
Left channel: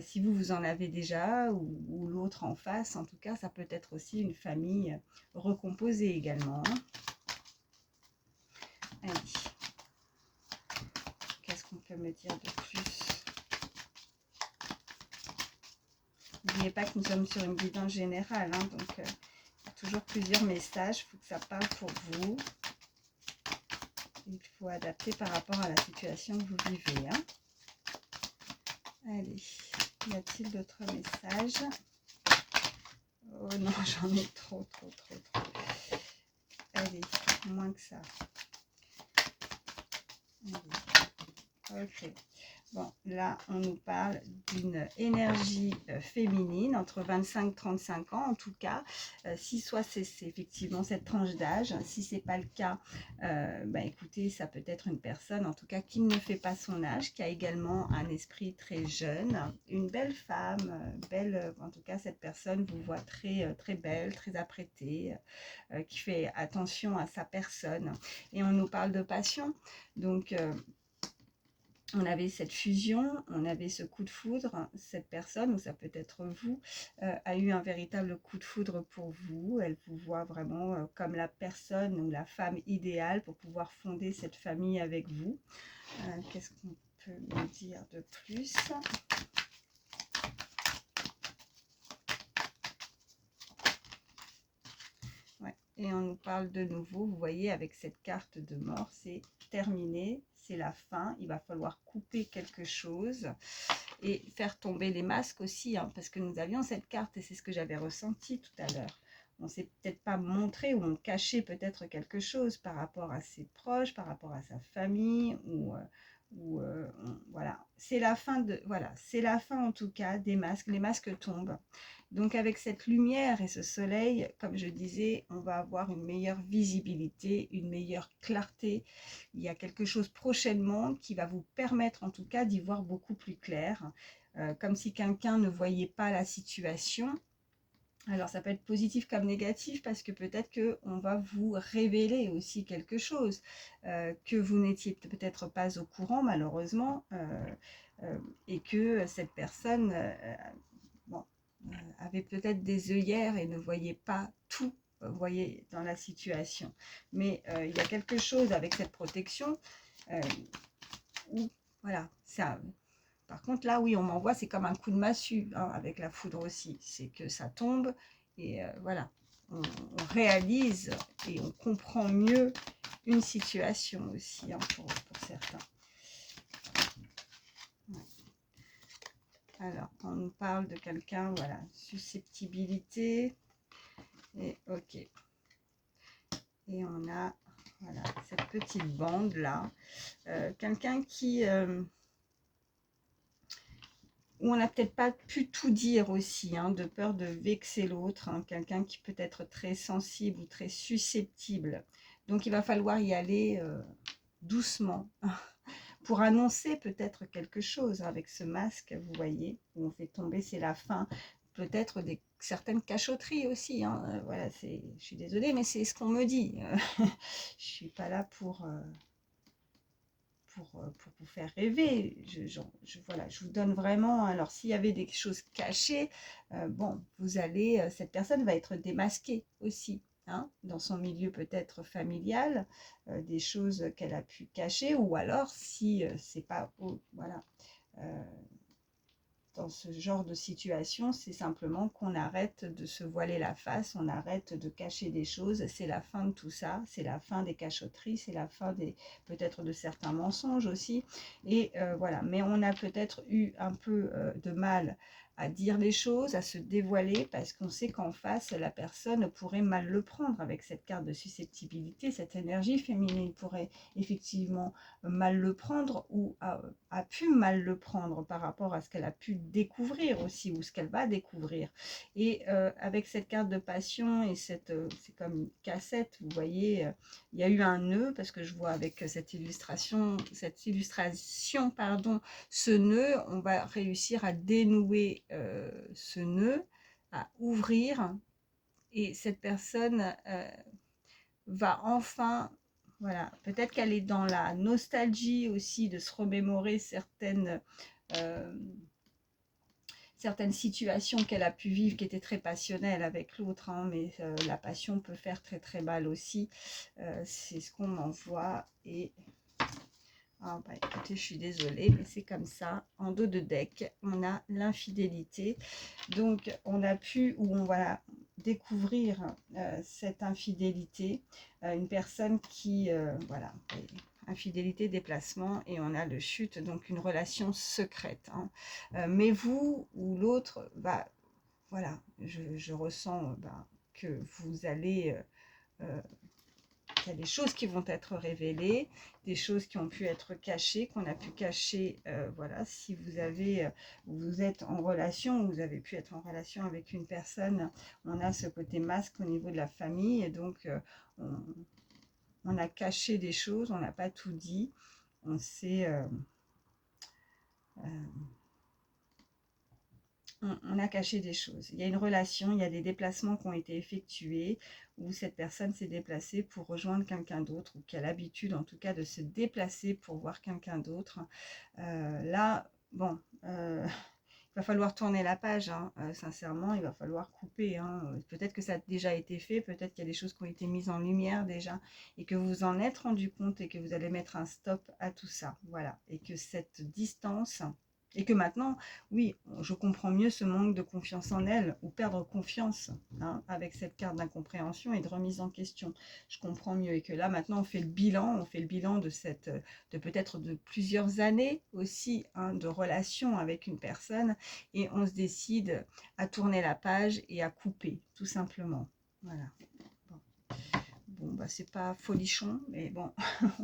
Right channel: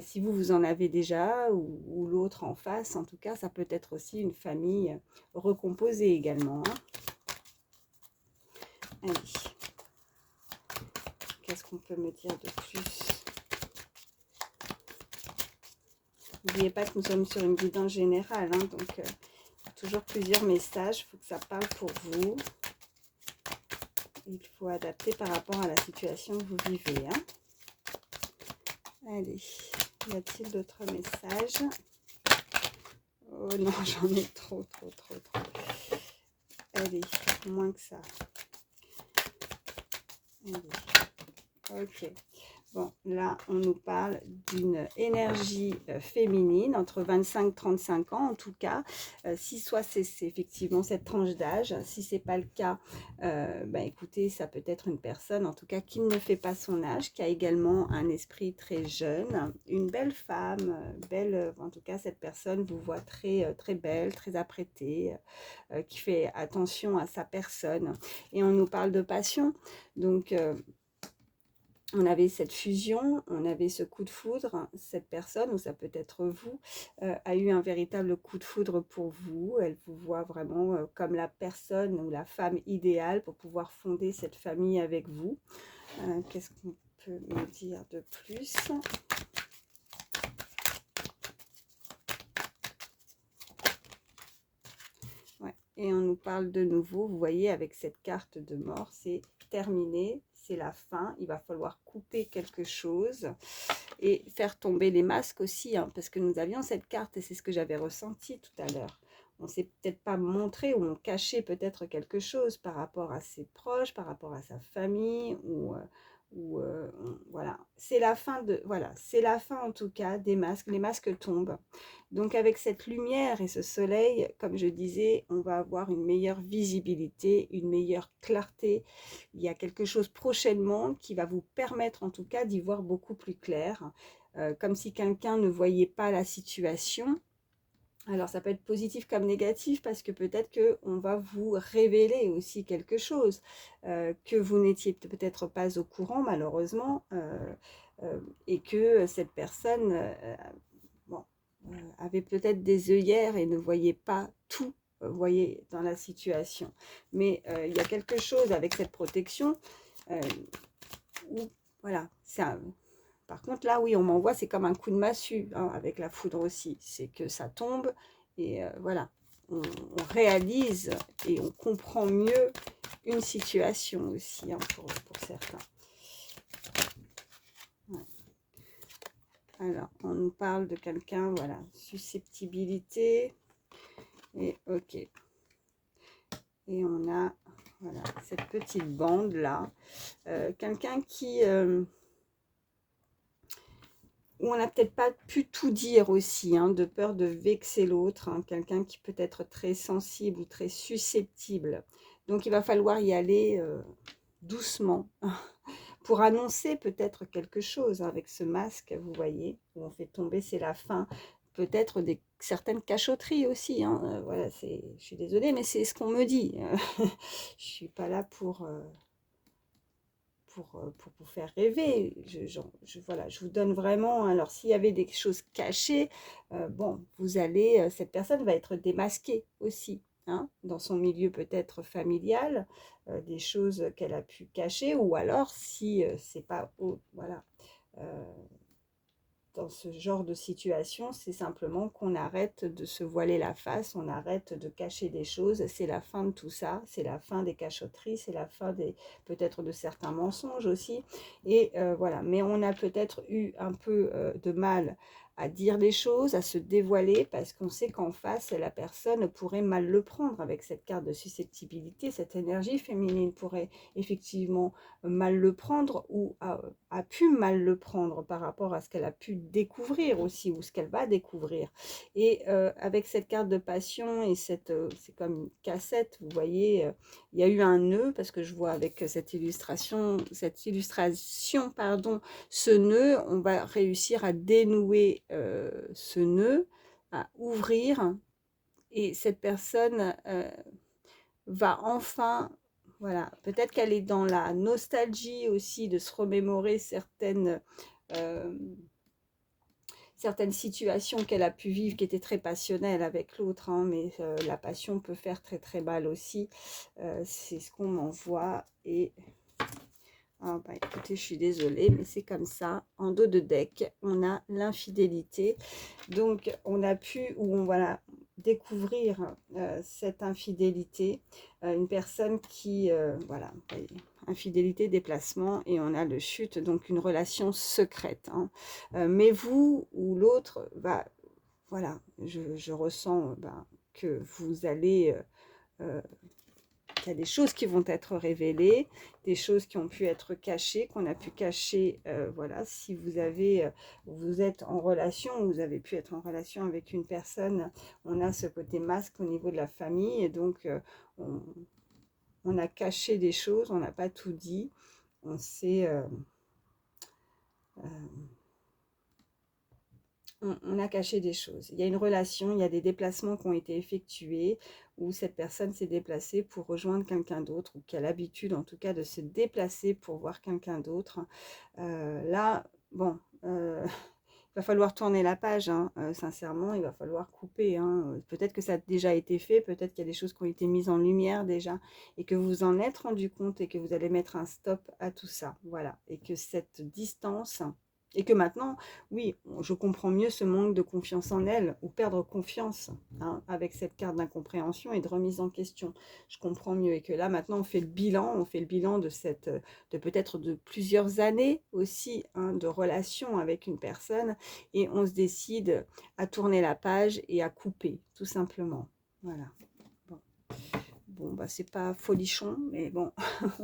Si vous en avez déjà ou l'autre en face, en tout cas, ça peut être aussi une famille recomposée également. Hein. Allez. Qu'est-ce qu'on peut me dire de plus? N'oubliez pas que nous sommes sur une guidance générale, hein, donc toujours plusieurs messages, il faut que ça parle pour vous. Il faut adapter par rapport à la situation que vous vivez. Hein. Allez, y a-t-il d'autres messages? Oh non, j'en ai trop. Allez, moins que ça. Allez. Ok. Bon, là, on nous parle d'une énergie féminine, entre 25 et 35 ans en tout cas. Si soit c'est effectivement cette tranche d'âge, si ce n'est pas le cas, écoutez, ça peut être une personne en tout cas qui ne fait pas son âge, qui a également un esprit très jeune, une belle femme, belle, en tout cas cette personne vous voit très belle, très apprêtée, qui fait attention à sa personne. Et on nous parle de passion, donc on avait cette fusion, on avait ce coup de foudre, cette personne, ou ça peut être vous, a eu un véritable coup de foudre pour vous. Elle vous voit vraiment comme la personne ou la femme idéale pour pouvoir fonder cette famille avec vous. Qu'est-ce qu'on peut me dire de plus ? Ouais. Et on nous parle de nouveau, vous voyez, avec cette carte de mort, c'est terminé. C'est la fin, il va falloir couper quelque chose et faire tomber les masques aussi, hein, parce que nous avions cette carte et c'est ce que j'avais ressenti tout à l'heure. On ne s'est peut-être pas montré ou on cachait peut-être quelque chose par rapport à ses proches, par rapport à sa famille voilà. C'est la fin c'est la fin en tout cas des masques, les masques tombent. Donc avec cette lumière et ce soleil, comme je disais, on va avoir une meilleure visibilité, une meilleure clarté. Il y a quelque chose prochainement qui va vous permettre en tout cas d'y voir beaucoup plus clair, comme si quelqu'un ne voyait pas la situation. Alors ça peut être positif comme négatif parce que peut-être qu'on va vous révéler aussi quelque chose que vous n'étiez peut-être pas au courant malheureusement et que cette personne avait peut-être des œillères et ne voyait pas tout, voyez, dans la situation. Mais il y a quelque chose avec cette protection où, voilà, ça. Par contre, là, oui, on m'envoie, c'est comme un coup de massue, hein, avec la foudre aussi. C'est que ça tombe et voilà, on réalise et on comprend mieux une situation aussi, hein, pour certains. Alors, on nous parle de quelqu'un, voilà, susceptibilité, et ok. Et on a, voilà, cette petite bande-là. Quelqu'un qui... où on n'a peut-être pas pu tout dire aussi, hein, de peur de vexer l'autre. Hein, quelqu'un qui peut être très sensible ou très susceptible. Donc, il va falloir y aller doucement. Pour annoncer peut-être quelque chose avec ce masque, vous voyez, où on fait tomber, c'est la fin. Peut-être certaines cachotteries aussi. Hein. Voilà, je suis désolée, mais c'est ce qu'on me dit. Je ne suis pas là pour vous faire rêver. Voilà, je vous donne vraiment. Alors, s'il y avait des choses cachées, bon, cette personne va être démasquée aussi. Hein, dans son milieu peut-être familial, des choses qu'elle a pu cacher, ou alors si c'est pas voilà, dans ce genre de situation, c'est simplement qu'on arrête de se voiler la face, on arrête de cacher des choses. C'est la fin de tout ça, c'est la fin des cachotteries, c'est la fin peut-être de certains mensonges aussi. Et voilà, mais on a peut-être eu un peu de mal à dire les choses, à se dévoiler, parce qu'on sait qu'en face, la personne pourrait mal le prendre avec cette carte de susceptibilité. Cette énergie féminine pourrait effectivement mal le prendre ou a pu mal le prendre par rapport à ce qu'elle a pu découvrir aussi ou ce qu'elle va découvrir. Et avec cette carte de passion et c'est comme une cassette, vous voyez, il y a eu un nœud parce que je vois avec cette illustration, pardon, ce nœud, on va réussir à dénouer ce nœud, à ouvrir, et cette personne va enfin, voilà, peut-être qu'elle est dans la nostalgie aussi de se remémorer euh, certaines situations qu'elle a pu vivre qui étaient très passionnelles avec l'autre, hein, mais la passion peut faire très très mal aussi. C'est ce qu'on m'envoie. Et ah bah écoutez, je suis désolée, mais c'est comme ça. En dos de deck, on a l'infidélité. Donc, on a pu, ou on va découvrir cette infidélité. Une personne qui, voilà, infidélité, déplacement, et on a le chute, donc une relation secrète. Hein. Mais vous ou l'autre, bah, voilà, je ressens que vous allez... il y a des choses qui vont être révélées, des choses qui ont pu être cachées, qu'on a pu cacher. Voilà, si vous êtes en relation, vous avez pu être en relation avec une personne, on a ce côté masque au niveau de la famille, et donc on a caché des choses, on n'a pas tout dit, on s'est... on a caché des choses. Il y a une relation, il y a des déplacements qui ont été effectués où cette personne s'est déplacée pour rejoindre quelqu'un d'autre ou qui a l'habitude en tout cas de se déplacer pour voir quelqu'un d'autre. Là, bon, il va falloir tourner la page, hein, sincèrement, il va falloir couper. Hein. Peut-être que ça a déjà été fait, peut-être qu'il y a des choses qui ont été mises en lumière déjà et que vous vous en êtes rendu compte et que vous allez mettre un stop à tout ça. Voilà, et que cette distance... Et que maintenant, oui, je comprends mieux ce manque de confiance en elle, ou perdre confiance, hein, avec cette carte d'incompréhension et de remise en question. Je comprends mieux. Et que là, maintenant, on fait le bilan de peut-être de plusieurs années aussi, hein, de relation avec une personne, et on se décide à tourner la page et à couper, tout simplement. Voilà. Bon, bah, c'est pas folichon, mais bon,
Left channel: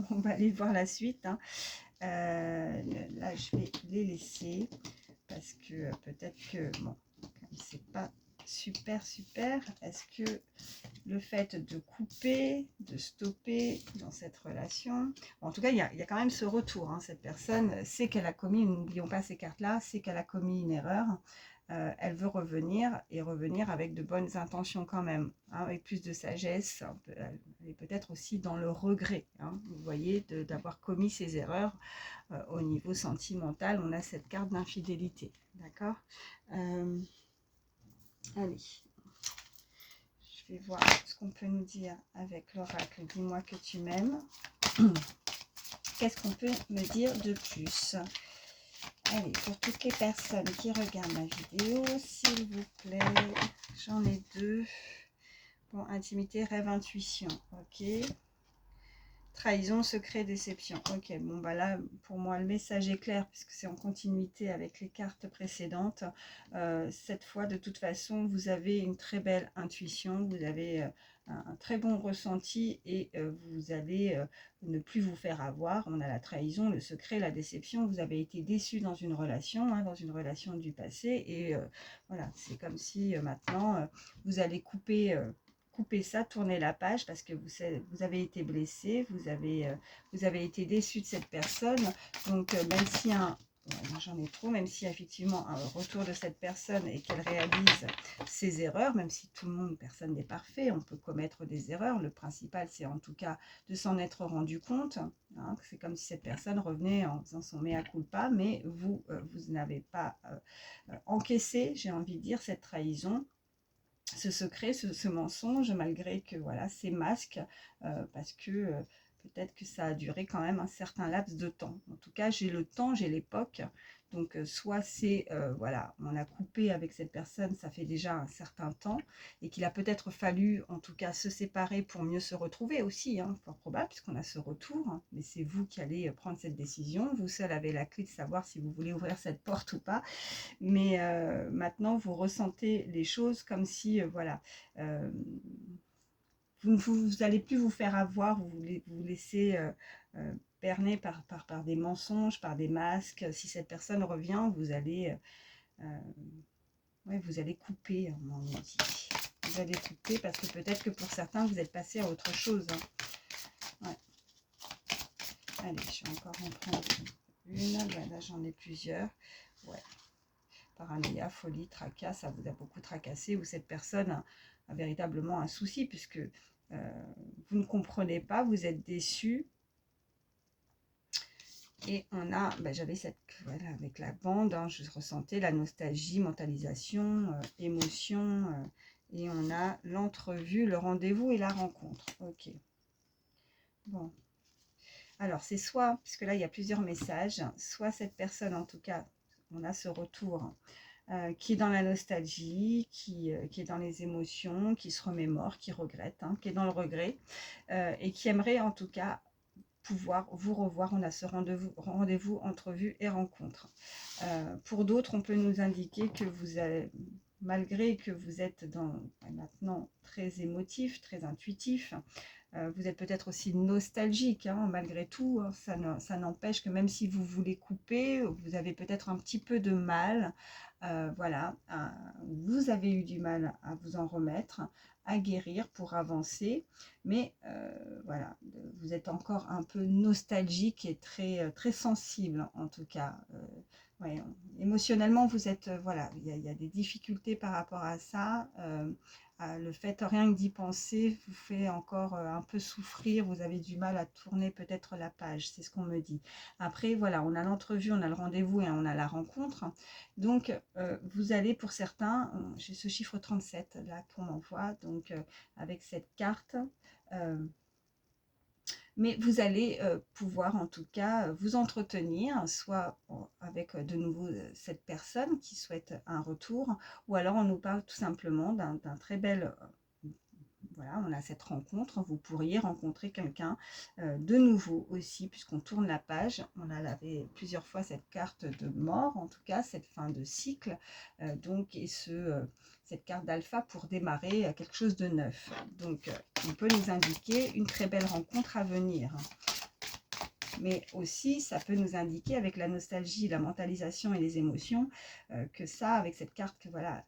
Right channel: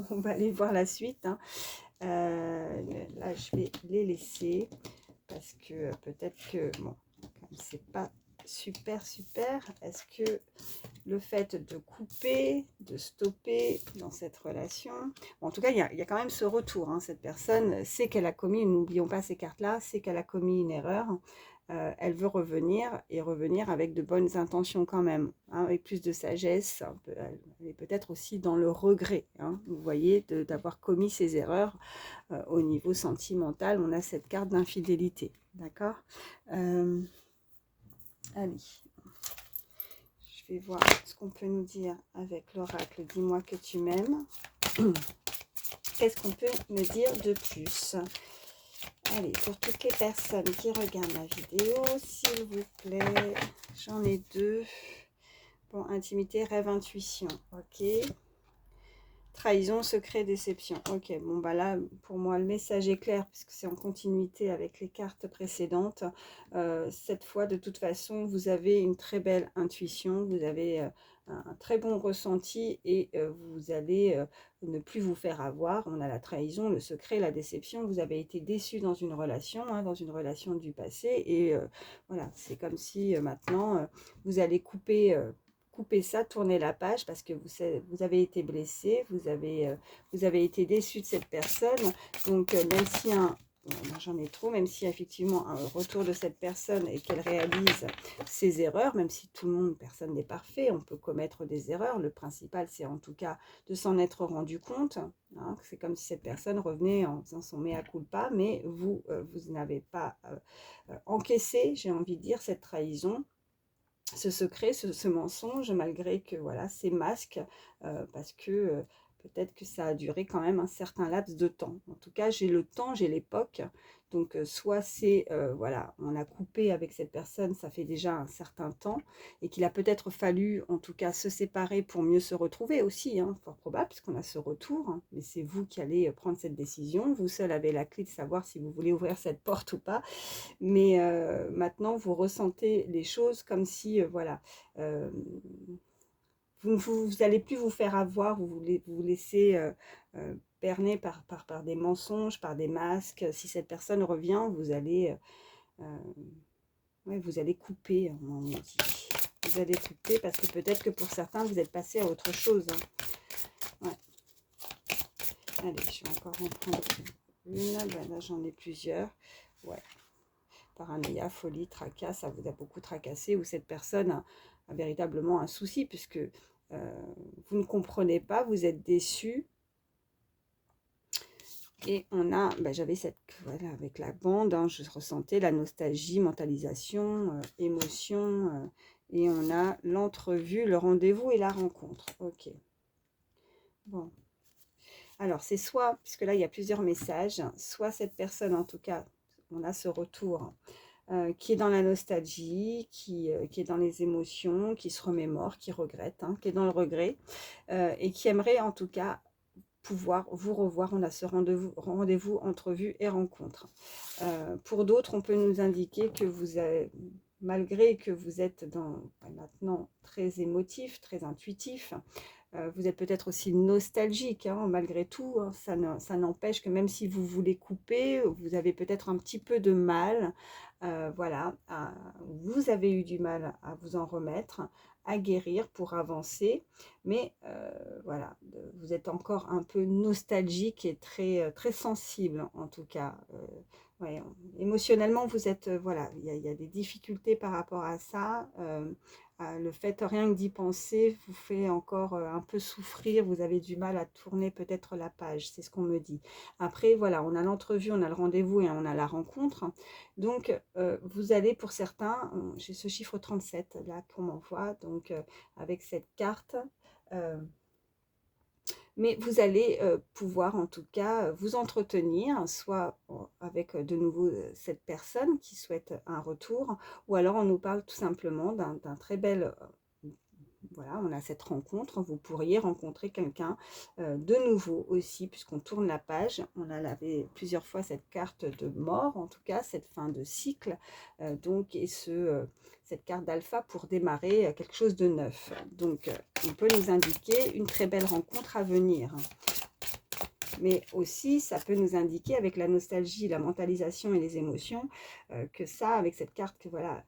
on va aller voir la suite. Hein. Là, je vais les laisser parce que peut-être que, bon, c'est pas super. Est-ce que le fait de couper, de stopper dans cette relation, bon, en tout cas, il y a quand même ce retour. Hein, cette personne sait qu'elle a commis, n'oublions pas ces cartes-là, sait qu'elle a commis une erreur. Elle veut revenir et revenir avec de bonnes intentions quand même, hein, avec plus de sagesse. Elle est peut-être aussi dans le regret, hein, vous voyez, d'avoir commis ces erreurs au niveau sentimental. On a cette carte d'infidélité, d'accord. Allez, je vais voir ce qu'on peut nous dire avec l'oracle. Dis-moi que tu m'aimes. Qu'est-ce qu'on peut me dire de plus? Allez, pour toutes les personnes qui regardent ma vidéo, s'il vous plaît, j'en ai deux. Bon, intimité, rêve, intuition, ok. Trahison, secret, déception. Ok, bon, bah là, pour moi, le message est clair, puisque c'est en continuité avec les cartes précédentes. Cette fois, de toute façon, vous avez une très belle intuition, vous avez un très bon ressenti, et vous allez ne plus vous faire avoir. On a la trahison, le secret, la déception. Vous avez été déçu dans une relation, hein, dans une relation du passé, et voilà, c'est comme si maintenant, vous allez couper ça, tourner la page, parce que vous avez été blessé, vous avez été déçu de cette personne. Donc même si j'en ai trop, même si effectivement un retour de cette personne et qu'elle réalise ses erreurs, même si tout le monde, personne n'est parfait, on peut commettre des erreurs, le principal c'est en tout cas de s'en être rendu compte. Hein, c'est comme si cette personne revenait en faisant son mea culpa, mais vous n'avez pas encaissé, j'ai envie de dire, cette trahison, ce secret, ce mensonge, malgré que voilà, c'est masque, parce que peut-être que ça a duré quand même un certain laps de temps. En tout cas, j'ai le temps, j'ai l'époque Donc, soit c'est, voilà, on a coupé avec cette personne, ça fait déjà un certain temps, et qu'il a peut-être fallu, en tout cas, se séparer pour mieux se retrouver aussi, hein, fort probable, puisqu'on a ce retour, hein, mais c'est vous qui allez prendre cette décision. Vous seul avez la clé de savoir si vous voulez ouvrir cette porte ou pas, mais maintenant, vous ressentez les choses comme si, voilà, euh, vous n'allez plus vous faire avoir, vous laisser berner par des mensonges, par des masques. Si cette personne revient, ouais, vous allez couper, hein, on dit. Vous allez couper parce que peut-être que pour certains, vous êtes passé à autre chose, hein. Ouais. Allez, je vais encore en prendre une. Là, j'en ai plusieurs. Ouais. Paranoïa, folie, tracas, ça vous a beaucoup tracassé, ou cette personne a véritablement un souci, puisque vous ne comprenez pas, vous êtes déçu. Et on a, j'avais cette, voilà, avec la bande, hein, je ressentais la nostalgie, mentalisation, émotion, et on a l'entrevue, le rendez-vous et la rencontre. Ok. Bon. Alors, c'est soit, puisque là, il y a plusieurs messages, soit cette personne, en tout cas, on a ce retour, qui est dans la nostalgie, qui est dans les émotions, qui se remémore, qui regrette, hein, qui est dans le regret, et qui aimerait, en tout cas, pouvoir vous revoir. On a ce rendez-vous, entrevue et rencontre. Pour d'autres, on peut nous indiquer que vous avez, malgré que vous êtes maintenant très émotif, très intuitif, vous êtes peut-être aussi nostalgique, hein, malgré tout, hein, ça n'empêche que même si vous voulez couper, vous avez peut-être un petit peu de mal, voilà, vous avez eu du mal à vous en remettre, à guérir pour avancer, mais voilà, vous êtes encore un peu nostalgique et très sensible en tout cas. Ouais, émotionnellement, vous êtes, voilà, il y a des difficultés par rapport à ça. Le fait rien que d'y penser vous fait encore un peu souffrir, vous avez du mal à tourner peut-être la page, c'est ce qu'on me dit. Après, voilà, on a l'entrevue, on a le rendez-vous et on a la rencontre. Donc, vous allez pour certains, j'ai ce chiffre 37 là qu'on m'envoie, donc avec cette carte. euh, mais vous allez pouvoir en tout cas vous entretenir, soit avec de nouveau cette personne qui souhaite un retour, ou alors on nous parle tout simplement d'un très bel... voilà, on a cette rencontre, vous pourriez rencontrer quelqu'un de nouveau aussi, puisqu'on tourne la page. On a lavé plusieurs fois cette carte de mort, en tout cas, cette fin de cycle, donc, et cette carte d'alpha pour démarrer quelque chose de neuf. Donc, il peut nous indiquer une très belle rencontre à venir. Mais aussi, ça peut nous indiquer, avec la nostalgie, la mentalisation et les émotions, que ça, avec cette carte, que voilà,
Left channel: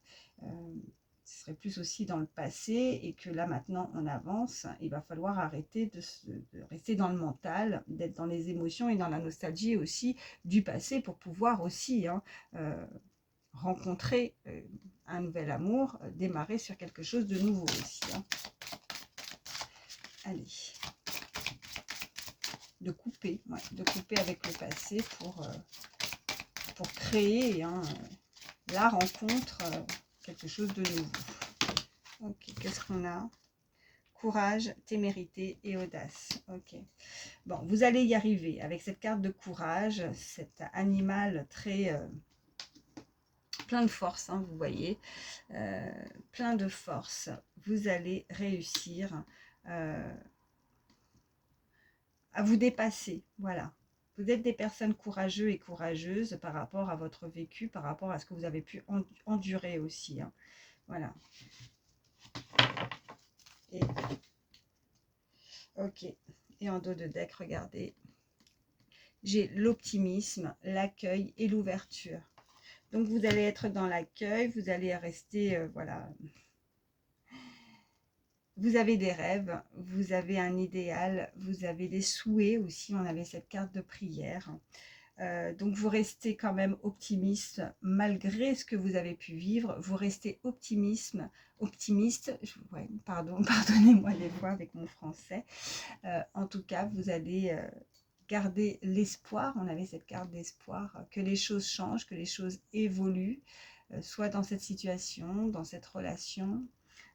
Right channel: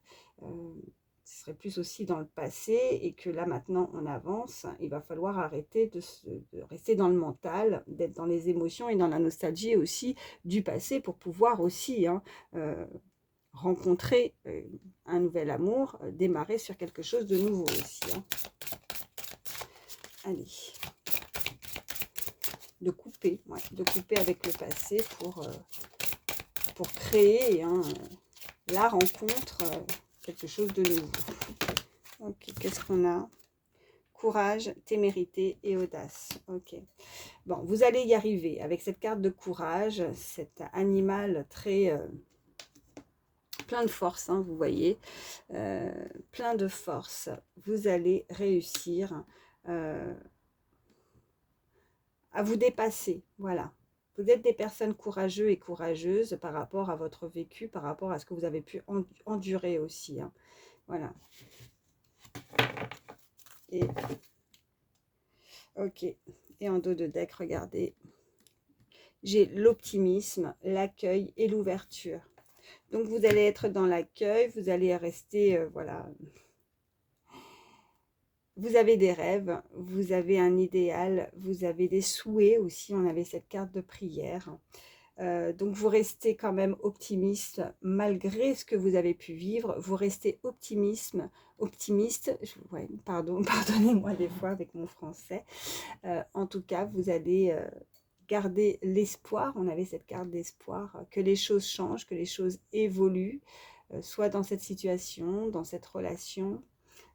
ce serait plus aussi dans le passé, et que là, maintenant, on avance. Il va falloir arrêter de rester dans le mental, d'être dans les émotions et dans la nostalgie aussi du passé, pour pouvoir aussi rencontrer un nouvel amour, démarrer sur quelque chose de nouveau aussi. Hein. Allez. De couper avec le passé pour créer, hein, la rencontre, quelque chose de nouveau. Ok, qu'est-ce qu'on a? Courage, témérité et audace. Ok. Bon, vous allez y arriver avec cette carte de courage, cet animal très plein de force, hein, vous voyez, plein de force. Vous allez réussir à vous dépasser, voilà. Vous êtes des personnes courageux et courageuses par rapport à votre vécu, par rapport à ce que vous avez pu endurer aussi, hein. Voilà. Et ok. Et en dos de deck, regardez, j'ai l'optimisme, l'accueil et l'ouverture. Donc vous allez être dans l'accueil, vous allez rester, voilà. Vous avez des rêves, vous avez un idéal, vous avez des souhaits aussi. On avait cette carte de prière. Donc vous restez quand même optimiste malgré ce que vous avez pu vivre. Vous restez optimiste. Ouais, pardon, pardonnez-moi des fois avec mon français. En tout cas, vous allez garder l'espoir. On avait cette carte d'espoir, que les choses changent, que les choses évoluent, soit dans cette situation, dans cette relation.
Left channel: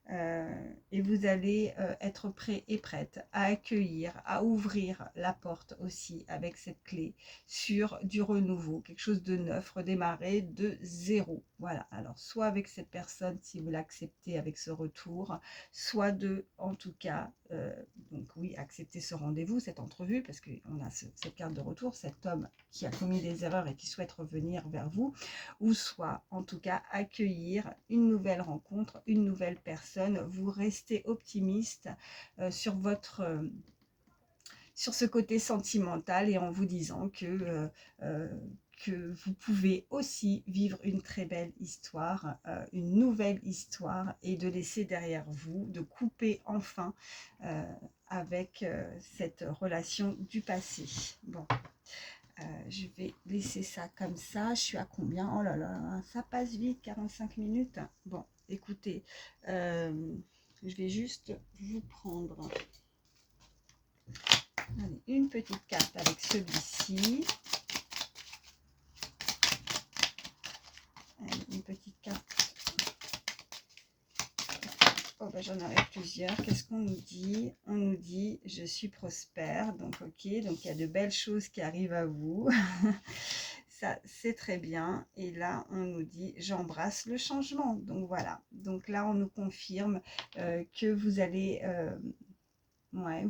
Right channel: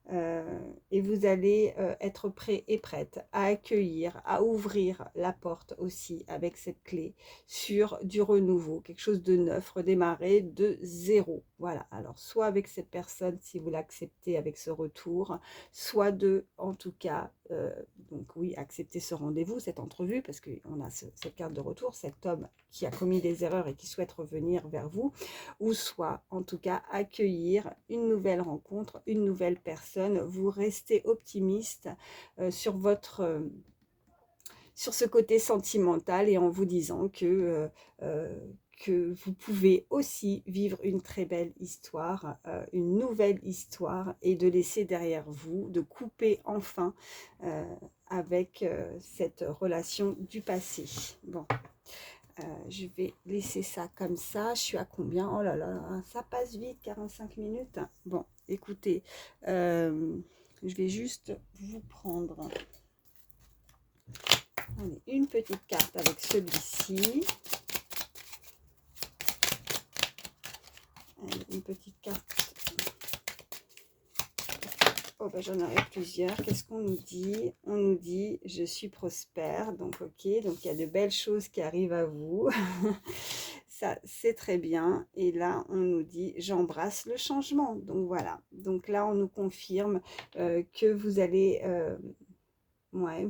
Et vous allez être prêt et prête à accueillir, à ouvrir la porte aussi avec cette clé sur du renouveau, quelque chose de neuf, redémarrer de zéro. Voilà, alors soit avec cette personne si vous l'acceptez avec ce retour, soit de, en tout cas, donc oui, accepter ce rendez-vous, cette entrevue, parce qu'on a cette carte de retour, cet homme qui a commis des erreurs et qui souhaite revenir vers vous, ou soit en tout cas accueillir une nouvelle rencontre, une nouvelle personne. Vous restez optimiste sur sur ce côté sentimental et en vous disant que vous pouvez aussi vivre une très belle histoire, une nouvelle histoire, et de laisser derrière vous, de couper enfin avec cette relation du passé. Bon, je vais laisser ça comme ça. Je suis à combien? Oh là là, ça passe vite, 45 minutes. Bon, écoutez, je vais juste vous prendre une petite carte avec celui-ci. Une petite carte. Oh, ben, j'en aurai plusieurs. Qu'est-ce qu'on nous dit? On nous dit « Je suis prospère ». Donc, ok. Donc, il y a de belles choses qui arrivent à vous. Ça, c'est très bien. Et là, on nous dit « J'embrasse le changement ». Donc, voilà. Donc, là, on nous confirme que vous allez... ouais,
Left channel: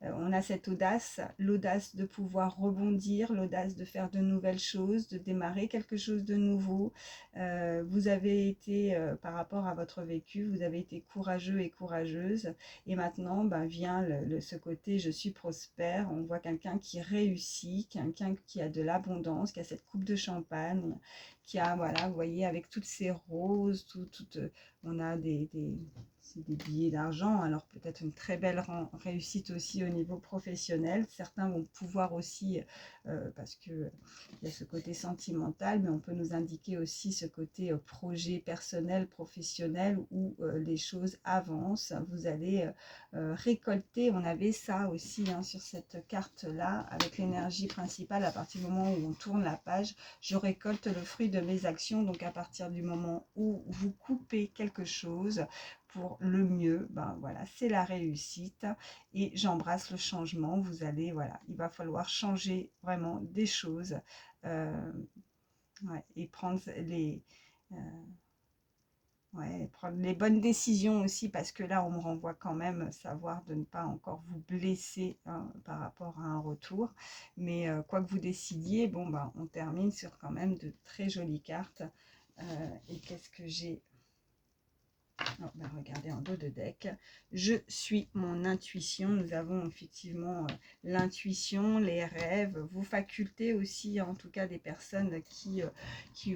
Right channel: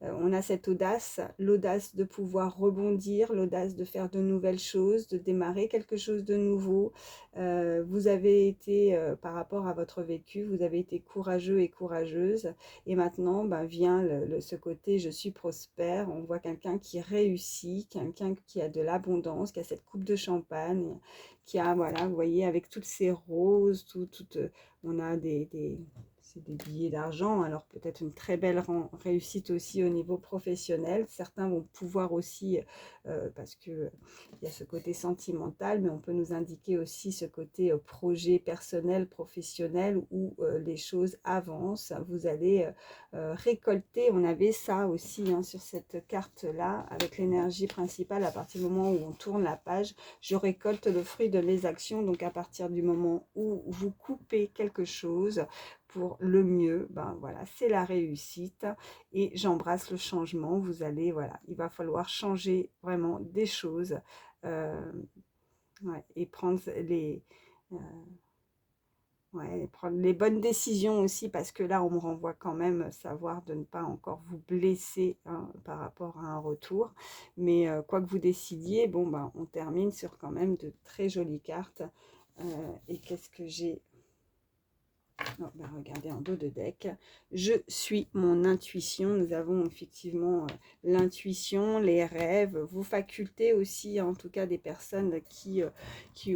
on a cette audace, l'audace de pouvoir rebondir, l'audace de faire de nouvelles choses, de démarrer quelque chose de nouveau. Vous avez été, par rapport à votre vécu, vous avez été courageux et courageuse. Et maintenant, ben, vient ce côté « je suis prospère ». On voit quelqu'un qui réussit, quelqu'un qui a de l'abondance, qui a cette coupe de champagne, qui a, voilà, vous voyez, avec toutes ces roses, on a des billets d'argent, alors peut-être une très belle réussite aussi au niveau professionnel. Certains vont pouvoir aussi, parce que il y a ce côté sentimental, mais on peut nous indiquer aussi ce côté projet personnel, professionnel, où les choses avancent. Vous allez récolter, on avait ça aussi hein, sur cette carte-là, avec l'énergie principale, à partir du moment où on tourne la page, je récolte le fruit de mes actions. Donc à partir du moment où vous coupez quelque chose, pour le mieux, ben voilà, c'est la réussite et j'embrasse le changement. Vous allez, voilà, il va falloir changer vraiment des choses ouais, et prendre euh, prendre les bonnes décisions aussi, parce que là, on me renvoie quand même savoir de ne pas encore vous blesser hein, par rapport à un retour. Mais quoi que vous décidiez, bon, ben, on termine sur quand même de très jolies cartes. Et qu'est-ce que j'ai? Oh, ben regardez en dos de deck, je suis mon intuition. Nous avons effectivement l'intuition, les rêves, vos facultés aussi, en tout cas des personnes qui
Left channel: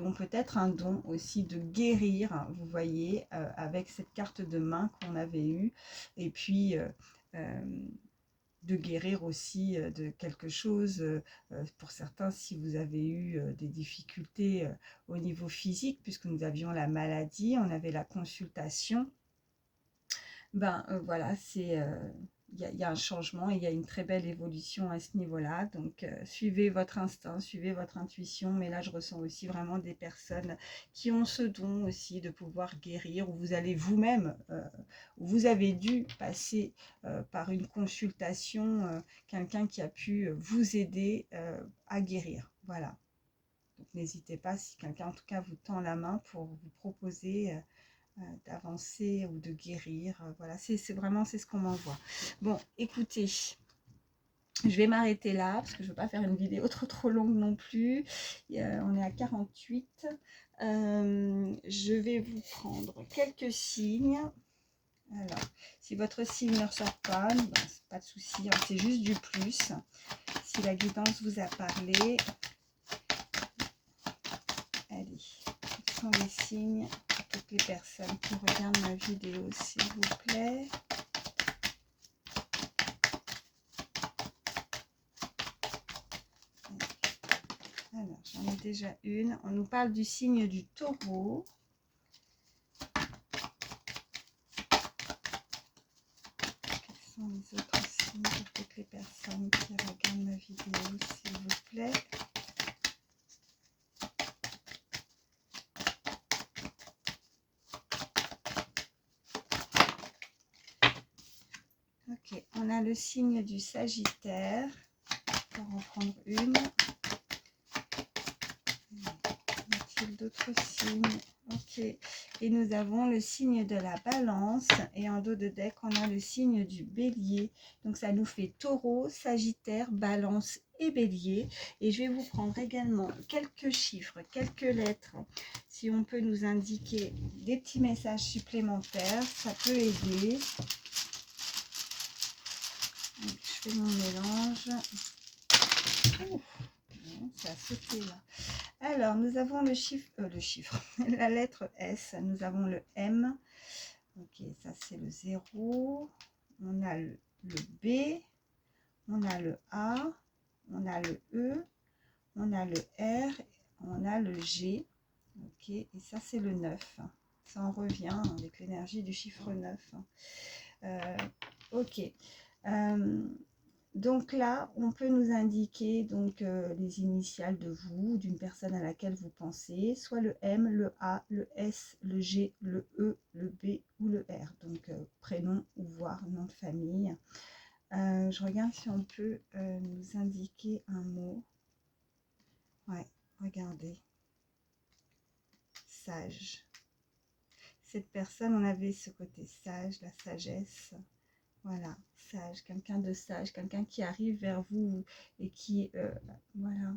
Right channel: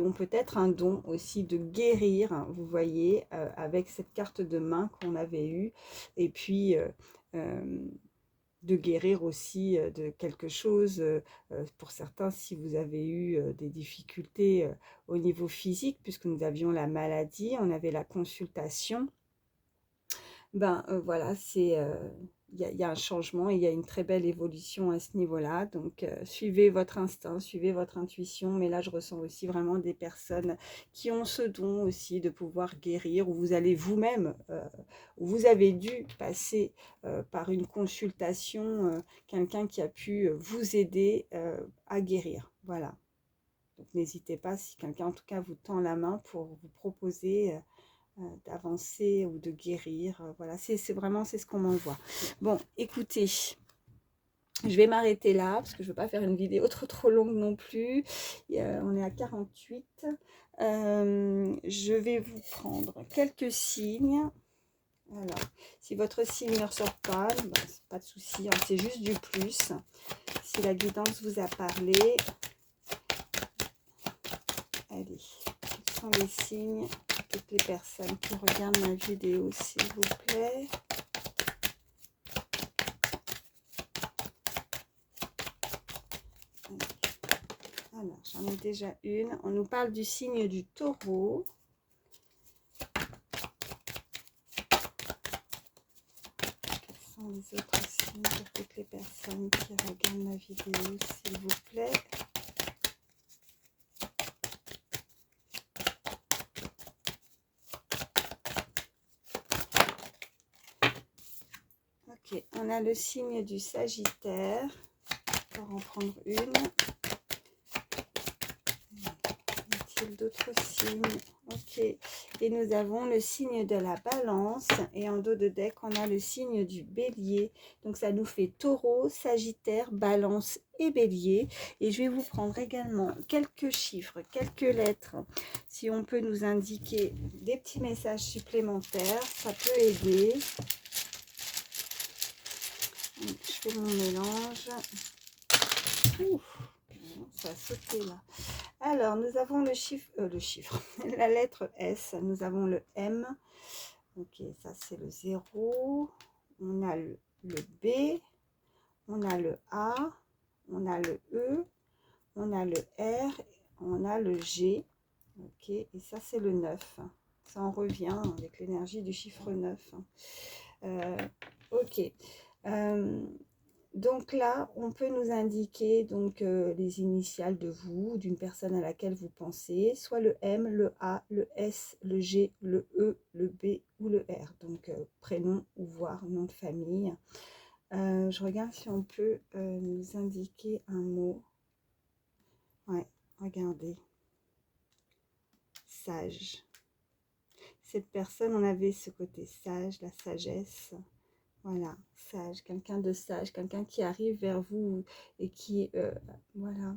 ont peut-être un don aussi de guérir, hein, vous voyez, avec cette carte de main qu'on avait eue, et puis de guérir aussi de quelque chose. Pour certains, si vous avez eu des difficultés au niveau physique, puisque nous avions la maladie, on avait la consultation, ben voilà, il y a un changement, il y a une très belle évolution à ce niveau-là. Donc, suivez votre instinct, suivez votre intuition. Mais là, je ressens aussi vraiment des personnes qui ont ce don aussi de pouvoir guérir, où vous allez vous-même, vous avez dû passer par une consultation, quelqu'un qui a pu vous aider à guérir. Voilà. Donc, n'hésitez pas, si quelqu'un en tout cas vous tend la main pour vous proposer d'avancer ou de guérir. Voilà, c'est vraiment c'est ce qu'on m'envoie. Bon, écoutez, je vais m'arrêter là parce que je ne veux pas faire une vidéo trop longue non plus. On est à 48. Je vais vous prendre quelques signes. Alors, si votre signe ne ressort pas, ben, pas de souci, hein, c'est juste du plus. Si la guidance vous a parlé, allez, quels sont les signes? Toutes les personnes qui regardent ma vidéo, s'il vous plaît. Alors, j'en ai déjà une. On nous parle du signe du taureau. Quels sont les autres signes pour toutes les personnes qui regardent ma vidéo, s'il vous plaît? Ok, on a le signe du Sagittaire. On va en prendre une. Y a-t-il d'autres signes? Ok, et nous avons le signe de la Balance. Et en dos de deck, on a le signe du Bélier. Donc ça nous fait Taureau, Sagittaire, Balance et Bélier. Et je vais vous prendre également quelques chiffres, quelques lettres. Si on peut nous indiquer des petits messages supplémentaires, ça peut aider. Donc, je fais mon mélange. Ouf, ça a sauté là. Alors, nous avons le chiffre, la lettre S. Nous avons le M. Ok, ça c'est le 0. On a le B. On a le A. On a le E. On a le R. On a le G. Ok, et ça c'est le 9. Ça en revient avec l'énergie du chiffre 9. Ok. Donc là, on peut nous indiquer donc, les initiales de vous, d'une personne à laquelle vous pensez, soit le M, le A, le S, le G, le E, le B ou le R. Donc prénom ou voire nom de famille. Je regarde si on peut nous indiquer un mot. Ouais, regardez. Sage. Cette personne, on avait ce côté sage, la sagesse. Voilà, sage, quelqu'un de sage, quelqu'un qui arrive vers vous et qui, voilà,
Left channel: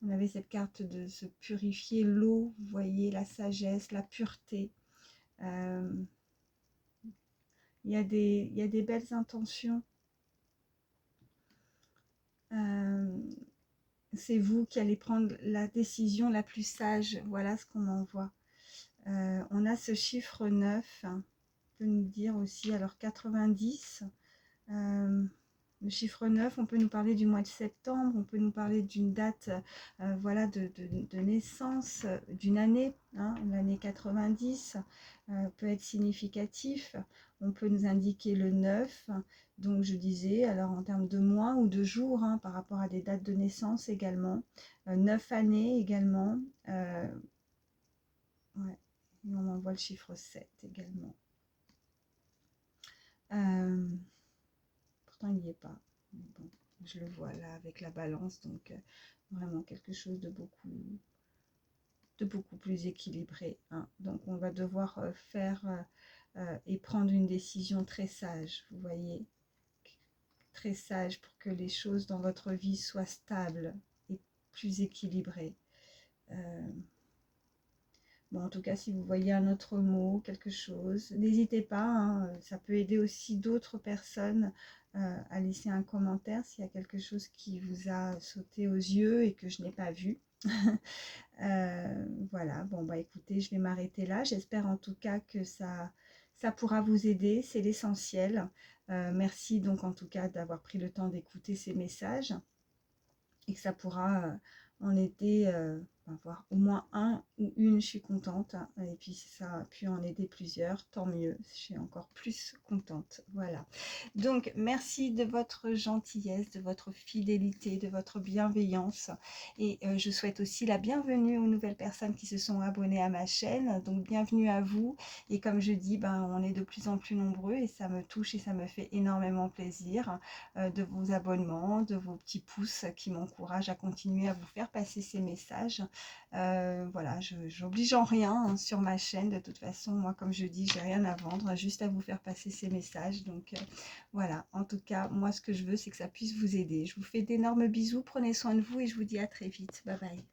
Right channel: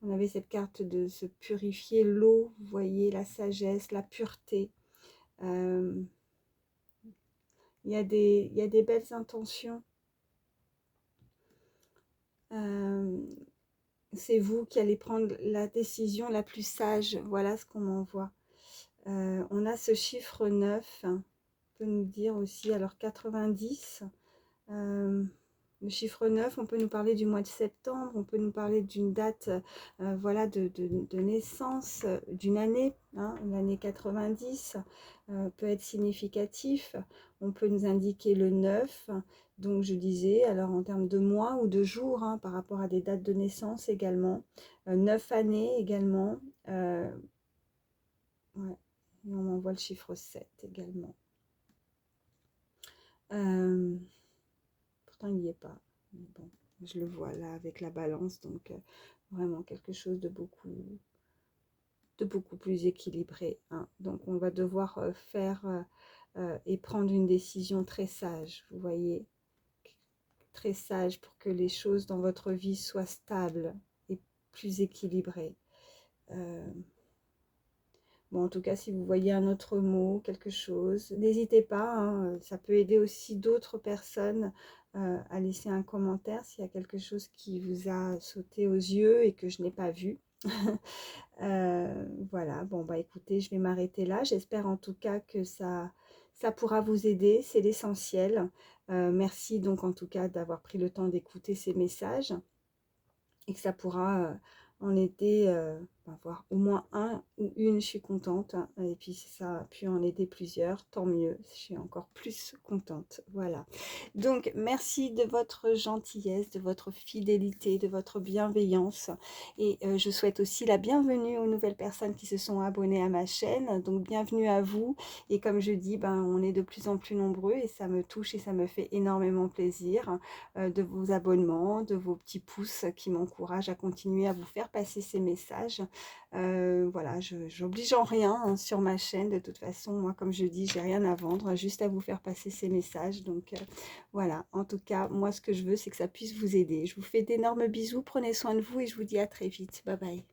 on avait cette carte de se purifier l'eau, vous voyez, la sagesse, la pureté. Il y a des belles intentions. C'est vous qui allez prendre la décision la plus sage, voilà ce qu'on m'envoie. On a ce chiffre 9, peut nous dire aussi, alors 90, le chiffre 9, on peut nous parler du mois de septembre, on peut nous parler d'une date voilà, de naissance, d'une année, hein, l'année 90 peut être significatif. On peut nous indiquer le 9, donc je disais, alors en termes de mois ou de jours, hein, par rapport à des dates de naissance également, 9 années également, ouais. Et on m'envoie le chiffre 7 également. Pourtant, il n'y est pas. Mais bon, je le vois là avec la balance. Donc, vraiment quelque chose de beaucoup plus équilibré. Hein. Donc, on va devoir faire et prendre une décision très sage. Vous voyez, très sage pour que les choses dans votre vie soient stables et plus équilibrées. Bon, en tout cas, si vous voyez un autre mot, quelque chose, n'hésitez pas, hein, ça peut aider aussi d'autres personnes à laisser un commentaire s'il y a quelque chose qui vous a sauté aux yeux et que je n'ai pas vu. Voilà, bon, bah écoutez, je vais m'arrêter là. J'espère en tout cas que ça pourra vous aider, c'est l'essentiel. Merci donc en tout cas d'avoir pris le temps d'écouter ces messages et que ça pourra en aider, voir au moins un ou une, je suis contente. Et puis si ça a pu en aider plusieurs, tant mieux, je suis encore plus contente. Voilà. Donc merci de votre gentillesse, de votre fidélité, de votre bienveillance. Et je souhaite aussi la bienvenue aux nouvelles personnes qui se sont abonnées à ma chaîne. Donc bienvenue à vous. Et comme je dis, on est de plus en plus nombreux et ça me touche et ça me fait énormément plaisir de vos abonnements, de vos petits pouces qui m'encouragent à continuer à vous faire passer ces messages. Voilà, je n'oblige en rien hein, sur ma chaîne. De toute façon, moi, comme je dis, j'ai rien à vendre, juste à vous faire passer ces messages. Donc voilà, en tout cas, moi, ce que je veux, c'est que ça puisse vous aider. Je vous fais d'énormes bisous, prenez soin de vous et je vous dis à très vite. Bye bye.